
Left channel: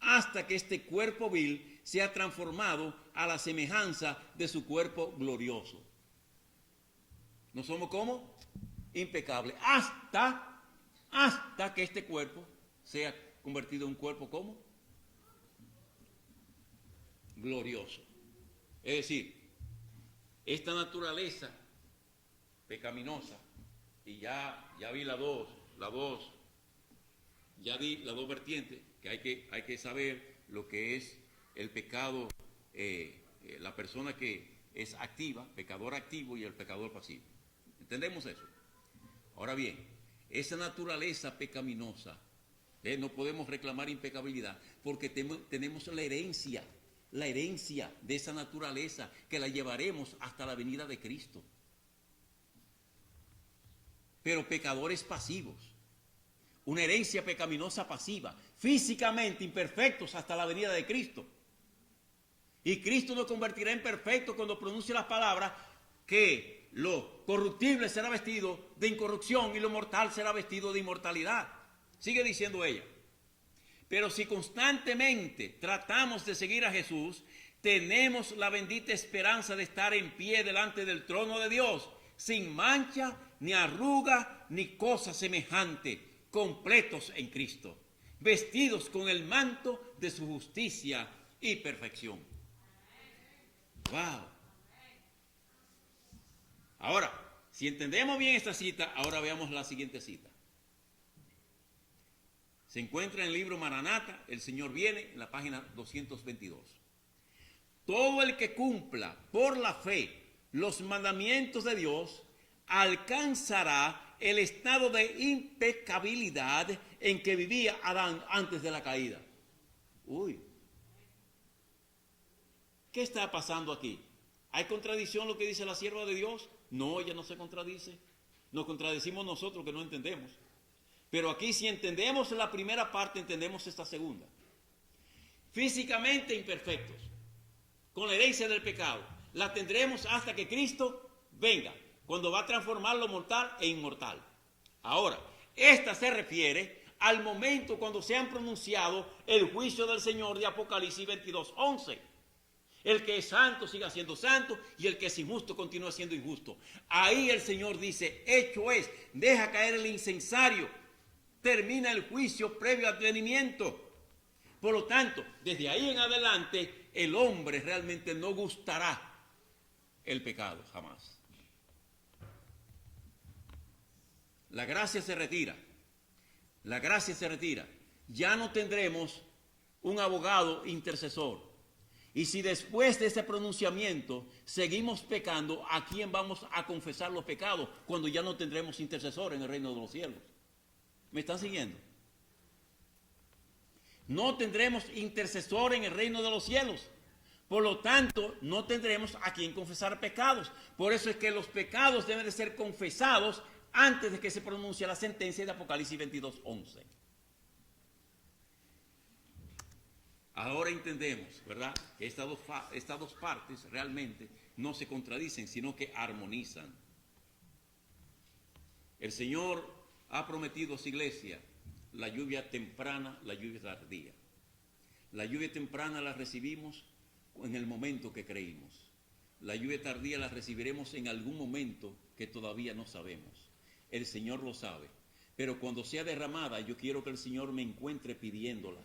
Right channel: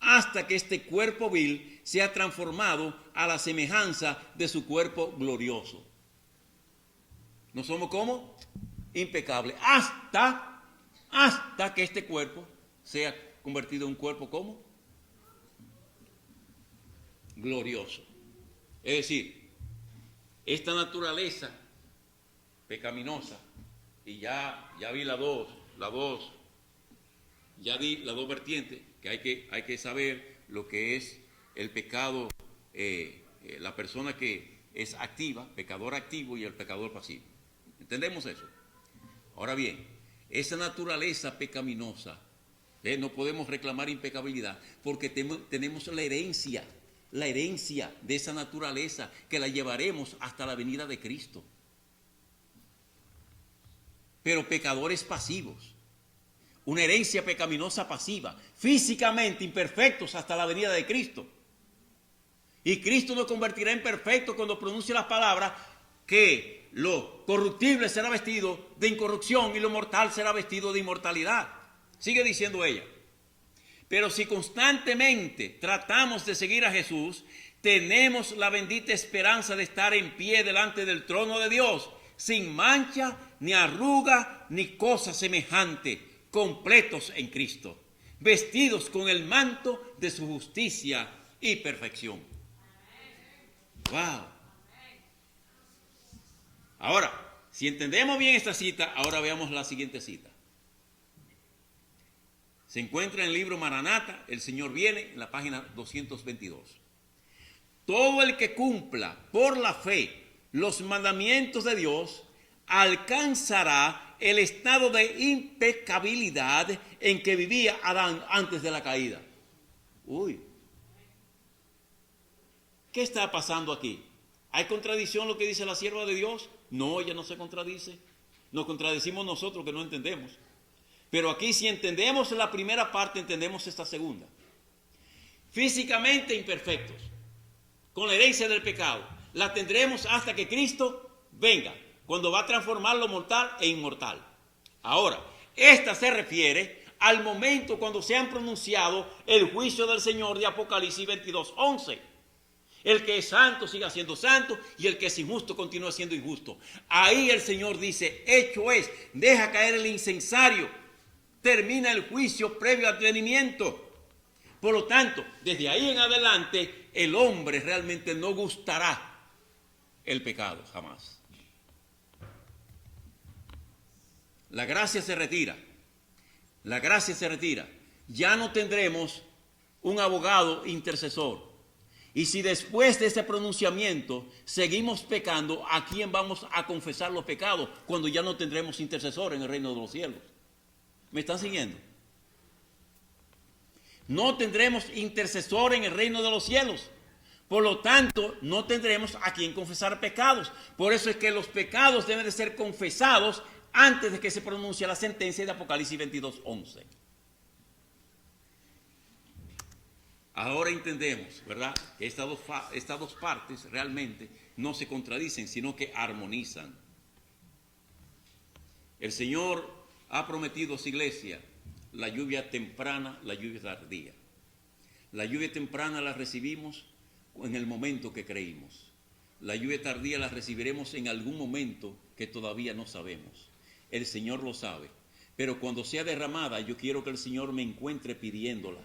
hasta que este cuerpo vil sea transformado a la semejanza de su cuerpo glorioso. ¿No somos como? Impecables. Hasta que este cuerpo sea convertido en un cuerpo como glorioso. Es decir, esta naturaleza pecaminosa, y ya vi las dos vertientes, que hay que saber lo que es el pecado, la persona que es activa, pecador activo y el pecador pasivo. ¿Entendemos eso? Ahora bien, esa naturaleza pecaminosa, no podemos reclamar impecabilidad porque tenemos la herencia de esa naturaleza que la llevaremos hasta la venida de Cristo. Pero pecadores pasivos, una herencia pecaminosa pasiva, físicamente imperfectos hasta la venida de Cristo. Y Cristo nos convertirá en perfectos cuando pronuncie las palabras que lo corruptible será vestido de incorrupción y lo mortal será vestido de inmortalidad. Sigue diciendo ella. Pero si constantemente tratamos de seguir a Jesús, tenemos la bendita esperanza de estar en pie delante del trono de Dios, sin mancha, ni arruga, ni cosa semejante, completos en Cristo, vestidos con el manto de su justicia y perfección. ¡Wow! Ahora, si entendemos bien esta cita, ahora veamos la siguiente cita. Se encuentra en el libro Maranata, el Señor viene, en la página 222. Todo el que cumpla por la fe los mandamientos de Dios alcanzará el estado de impecabilidad en que vivía Adán antes de la caída. Uy, ¿qué está pasando aquí? ¿Hay contradicción lo que dice la sierva de Dios? No, ella no se contradice. Nos contradecimos nosotros que no entendemos. Pero aquí si entendemos la primera parte, entendemos esta segunda. Físicamente imperfectos, con la herencia del pecado, la tendremos hasta que Cristo venga, cuando va a transformar lo mortal e inmortal. Ahora, esta se refiere al momento cuando se han pronunciado el juicio del Señor de Apocalipsis 22:11. El que es santo siga siendo santo y el que es injusto continúa siendo injusto. Ahí el Señor dice, hecho es, deja caer el incensario, termina el juicio previo advenimiento. Por lo tanto, desde ahí en adelante, el hombre realmente no gustará el pecado, jamás. La gracia se retira. La gracia se retira. Ya no tendremos un abogado intercesor. Y si después de ese pronunciamiento seguimos pecando, ¿a quién vamos a confesar los pecados cuando ya no tendremos intercesor en el reino de los cielos? ¿Me están siguiendo? No tendremos intercesor en el reino de los cielos, Por lo tanto, no tendremos a quien confesar pecados. Por eso es que los pecados deben de ser confesados antes de que se pronuncie la sentencia de Apocalipsis 22:11. Ahora entendemos, ¿verdad?, que estas dos partes realmente no se contradicen, sino que armonizan. El Señor ha prometido a su iglesia la lluvia temprana, la lluvia tardía. La lluvia temprana la recibimos en el momento que creímos. La lluvia tardía la recibiremos en algún momento que todavía no sabemos. El Señor lo sabe. Pero cuando sea derramada, yo quiero que el Señor me encuentre pidiéndola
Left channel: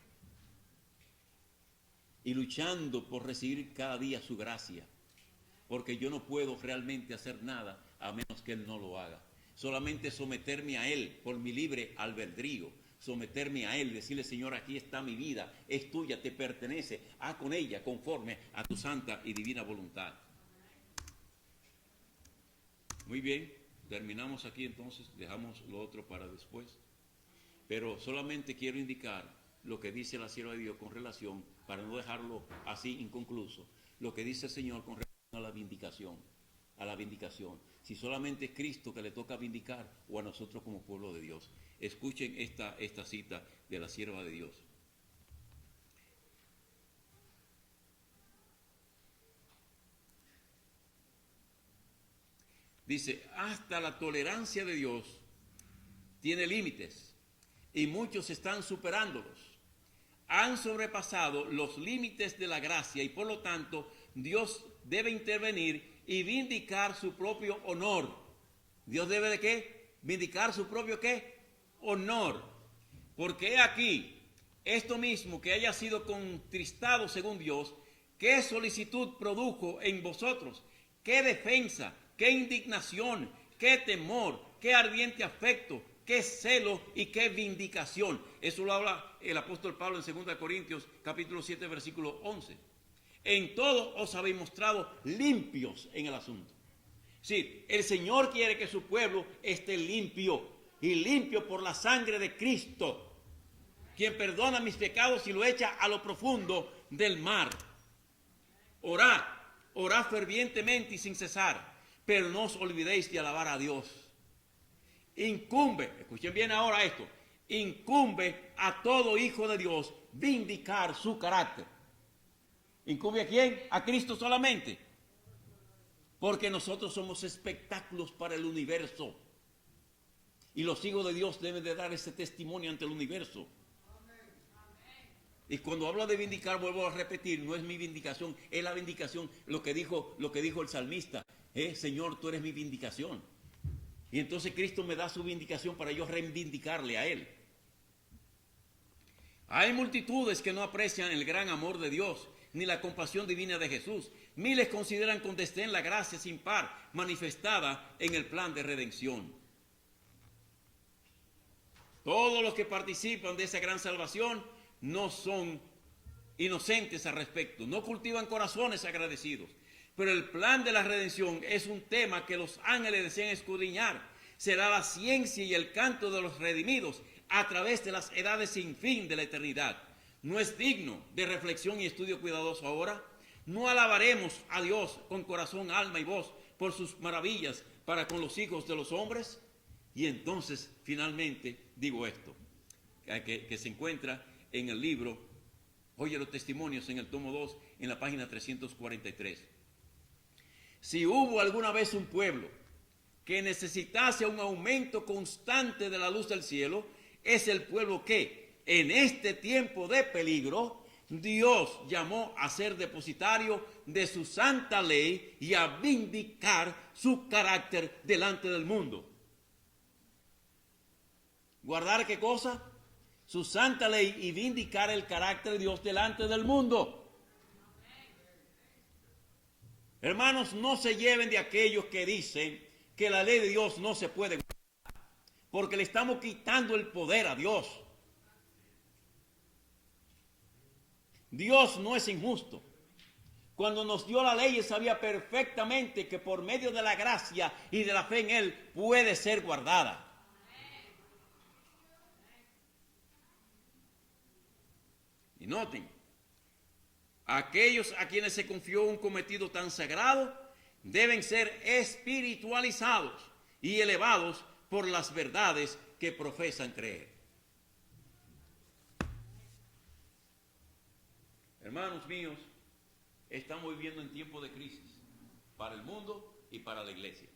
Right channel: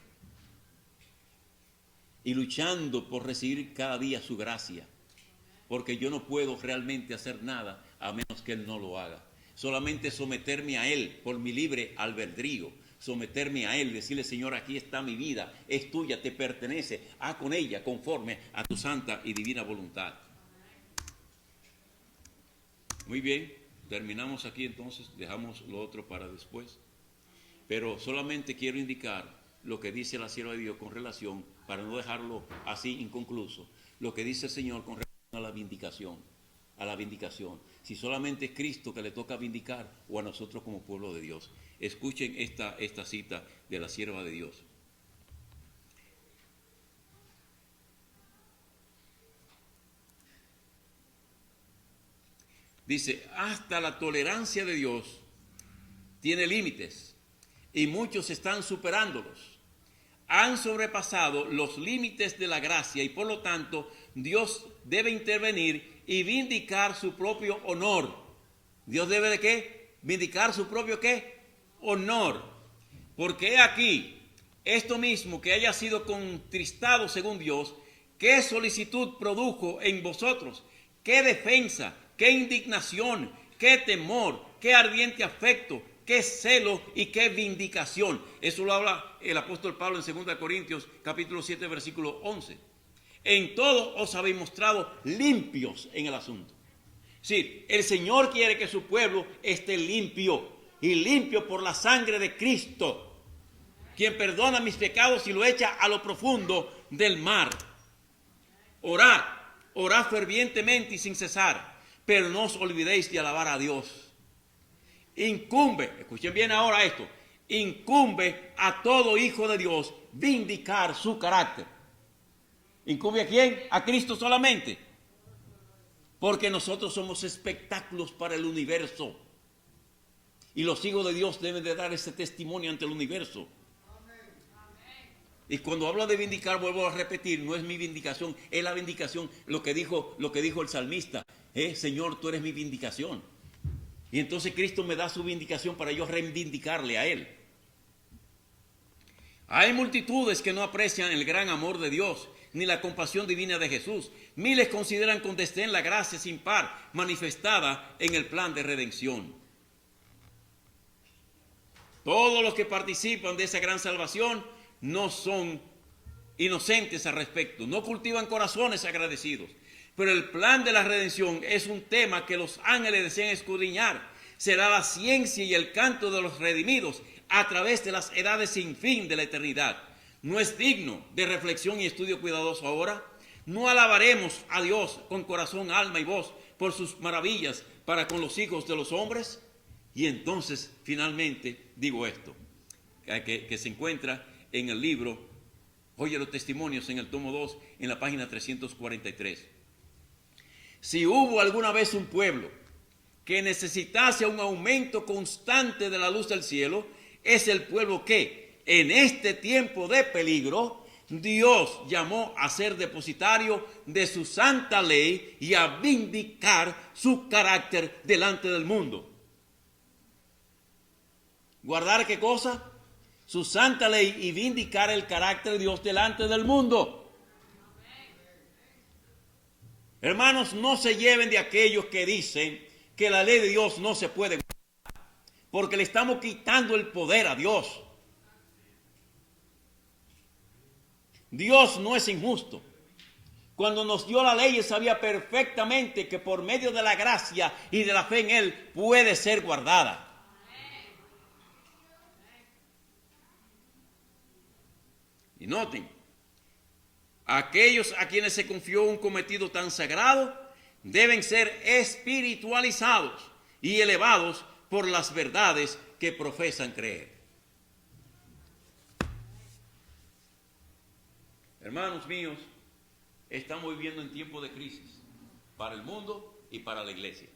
y luchando por recibir cada día su gracia, porque yo no puedo realmente hacer nada a menos que Él no lo haga. Solamente someterme a Él por mi libre albedrío, someterme a Él, decirle: Señor, aquí está mi vida, es tuya, te pertenece, haz con ella conforme a tu santa y divina voluntad. Muy bien, terminamos aquí entonces, dejamos lo otro para después, pero solamente quiero indicar lo que dice la sierva de Dios con relación, para no dejarlo así inconcluso, lo que dice el Señor con relación a la vindicación, si solamente es Cristo que le toca vindicar o a nosotros como pueblo de Dios. Escuchen esta cita de la sierva de Dios. Dice: hasta la tolerancia de Dios tiene límites y muchos están superándolos. Han sobrepasado los límites de la gracia y por lo tanto Dios debe intervenir y vindicar su propio honor. Dios debe ¿de qué? Vindicar su propio ¿qué? Honor. Porque aquí, esto mismo que haya sido contristado según Dios, ¿qué solicitud produjo en vosotros? ¿Qué defensa? ¿Qué indignación? ¿Qué temor? ¿Qué ardiente afecto? ¿Qué celo y qué vindicación? Eso lo habla el apóstol Pablo en 2 Corintios capítulo 7 versículo 11. En todo os habéis mostrado limpios en el asunto. Sí, el Señor quiere que su pueblo esté limpio, y limpio por la sangre de Cristo, quien perdona mis pecados y lo echa a lo profundo del mar. Orad fervientemente y sin cesar, pero no os olvidéis de alabar a Dios. Incumbe, escuchen bien ahora esto, incumbe a todo hijo de Dios vindicar su carácter. ¿Incumbe a quién? A Cristo solamente. Porque nosotros somos espectáculos para el universo. Y los hijos de Dios deben de dar ese testimonio ante el universo. Y cuando hablo de vindicar, vuelvo a repetir, no es mi vindicación, es la vindicación, lo que dijo el salmista. Señor, tú eres mi vindicación. Y entonces Cristo me da su vindicación para yo reivindicarle a Él. Hay multitudes que no aprecian el gran amor de Dios, ni la compasión divina de Jesús. Miles consideran con desdén la gracia sin par manifestada en el plan de redención. Todos los que participan de esa gran salvación no son inocentes al respecto, no cultivan corazones agradecidos. Pero el plan de la redención es un tema que los ángeles desean escudriñar. Será la ciencia y el canto de los redimidos a través de las edades sin fin de la eternidad. ¿No es digno de reflexión y estudio cuidadoso ahora? ¿No alabaremos a Dios con corazón, alma y voz por sus maravillas para con los hijos de los hombres? Y entonces, finalmente, digo esto, que se encuentra en el libro Oye los Testimonios, en el tomo 2, en la página 343. Si hubo alguna vez un pueblo que necesitase un aumento constante de la luz del cielo, es el pueblo que, en este tiempo de peligro, Dios llamó a ser depositario de su santa ley y a vindicar su carácter delante del mundo. ¿Guardar qué cosa? Su santa ley y vindicar el carácter de Dios delante del mundo. Hermanos, no se lleven de aquellos que dicen que la ley de Dios no se puede guardar, porque le estamos quitando el poder a Dios. Dios no es injusto. Cuando nos dio la ley, Él sabía perfectamente que por medio de la gracia y de la fe en Él puede ser guardada. Y noten, Aquellos a quienes se confió un cometido tan sagrado deben ser espiritualizados y elevados por las verdades que profesan creer. Hermanos míos, estamos viviendo en tiempos de crisis para el mundo y para la iglesia.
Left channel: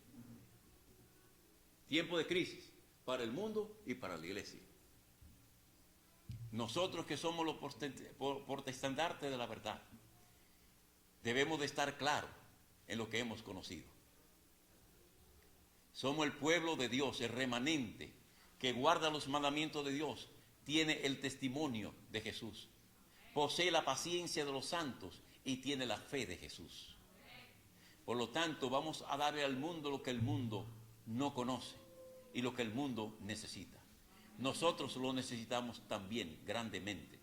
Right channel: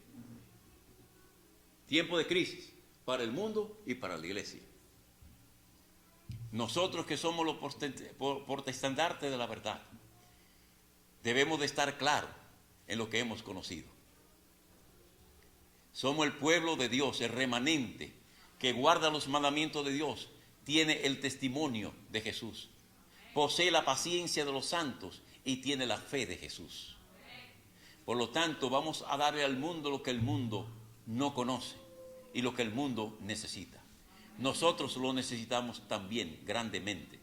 Tiempo de crisis para el mundo y para la iglesia. Nosotros que somos los portestandartes de la verdad, debemos de estar claros en lo que hemos conocido. Somos el pueblo de Dios, el remanente que guarda los mandamientos de Dios, tiene el testimonio de Jesús, posee la paciencia de los santos y tiene la fe de Jesús. Por lo tanto, vamos a darle al mundo lo que el mundo no conoce y lo que el mundo necesita. Nosotros lo necesitamos también grandemente.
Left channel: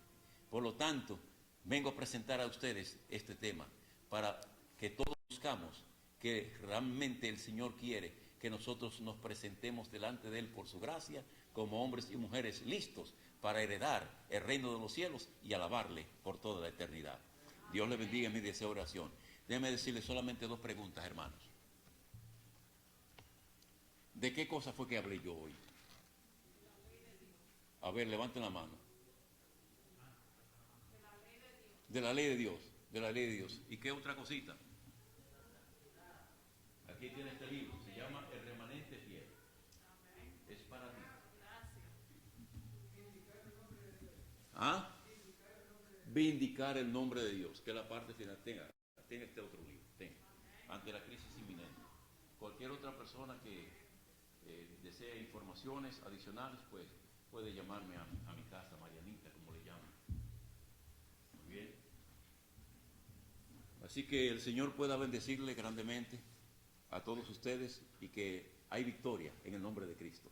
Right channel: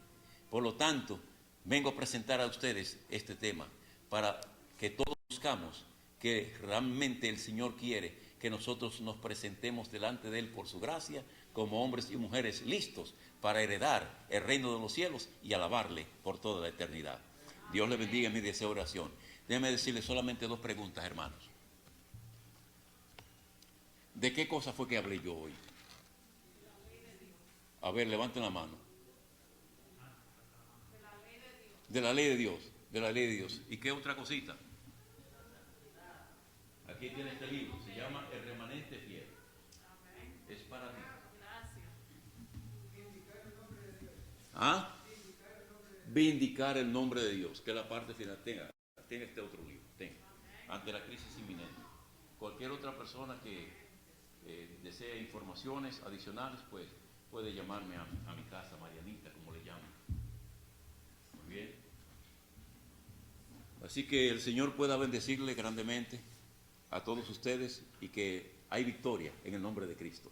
Por lo tanto, vengo a presentar a ustedes este tema para que todos buscamos que realmente el Señor quiere que nosotros nos presentemos delante de Él por su gracia como hombres y mujeres listos para heredar el reino de los cielos y alabarle por toda la eternidad. Dios le bendiga en mi deseo de oración. Déjeme decirle solamente 2 preguntas, hermanos. ¿De qué cosa fue que hablé yo hoy? A ver, levanten la mano. De la ley de Dios. De la ley de Dios. ¿Y qué otra cosita? Aquí tiene este libro. Se llama El Remanente Fiel. Es para mí. ¿Ah? Vindicar el nombre de Dios. Que es la parte final. Tenga este otro libro. Tenga. Ante la crisis inminente. Cualquier otra persona que desee informaciones adicionales, pues puede llamarme a mi casa, Marianita, como le llaman. Muy bien. Así que el Señor pueda bendecirle grandemente a todos ustedes y que hay victoria en el nombre de Cristo.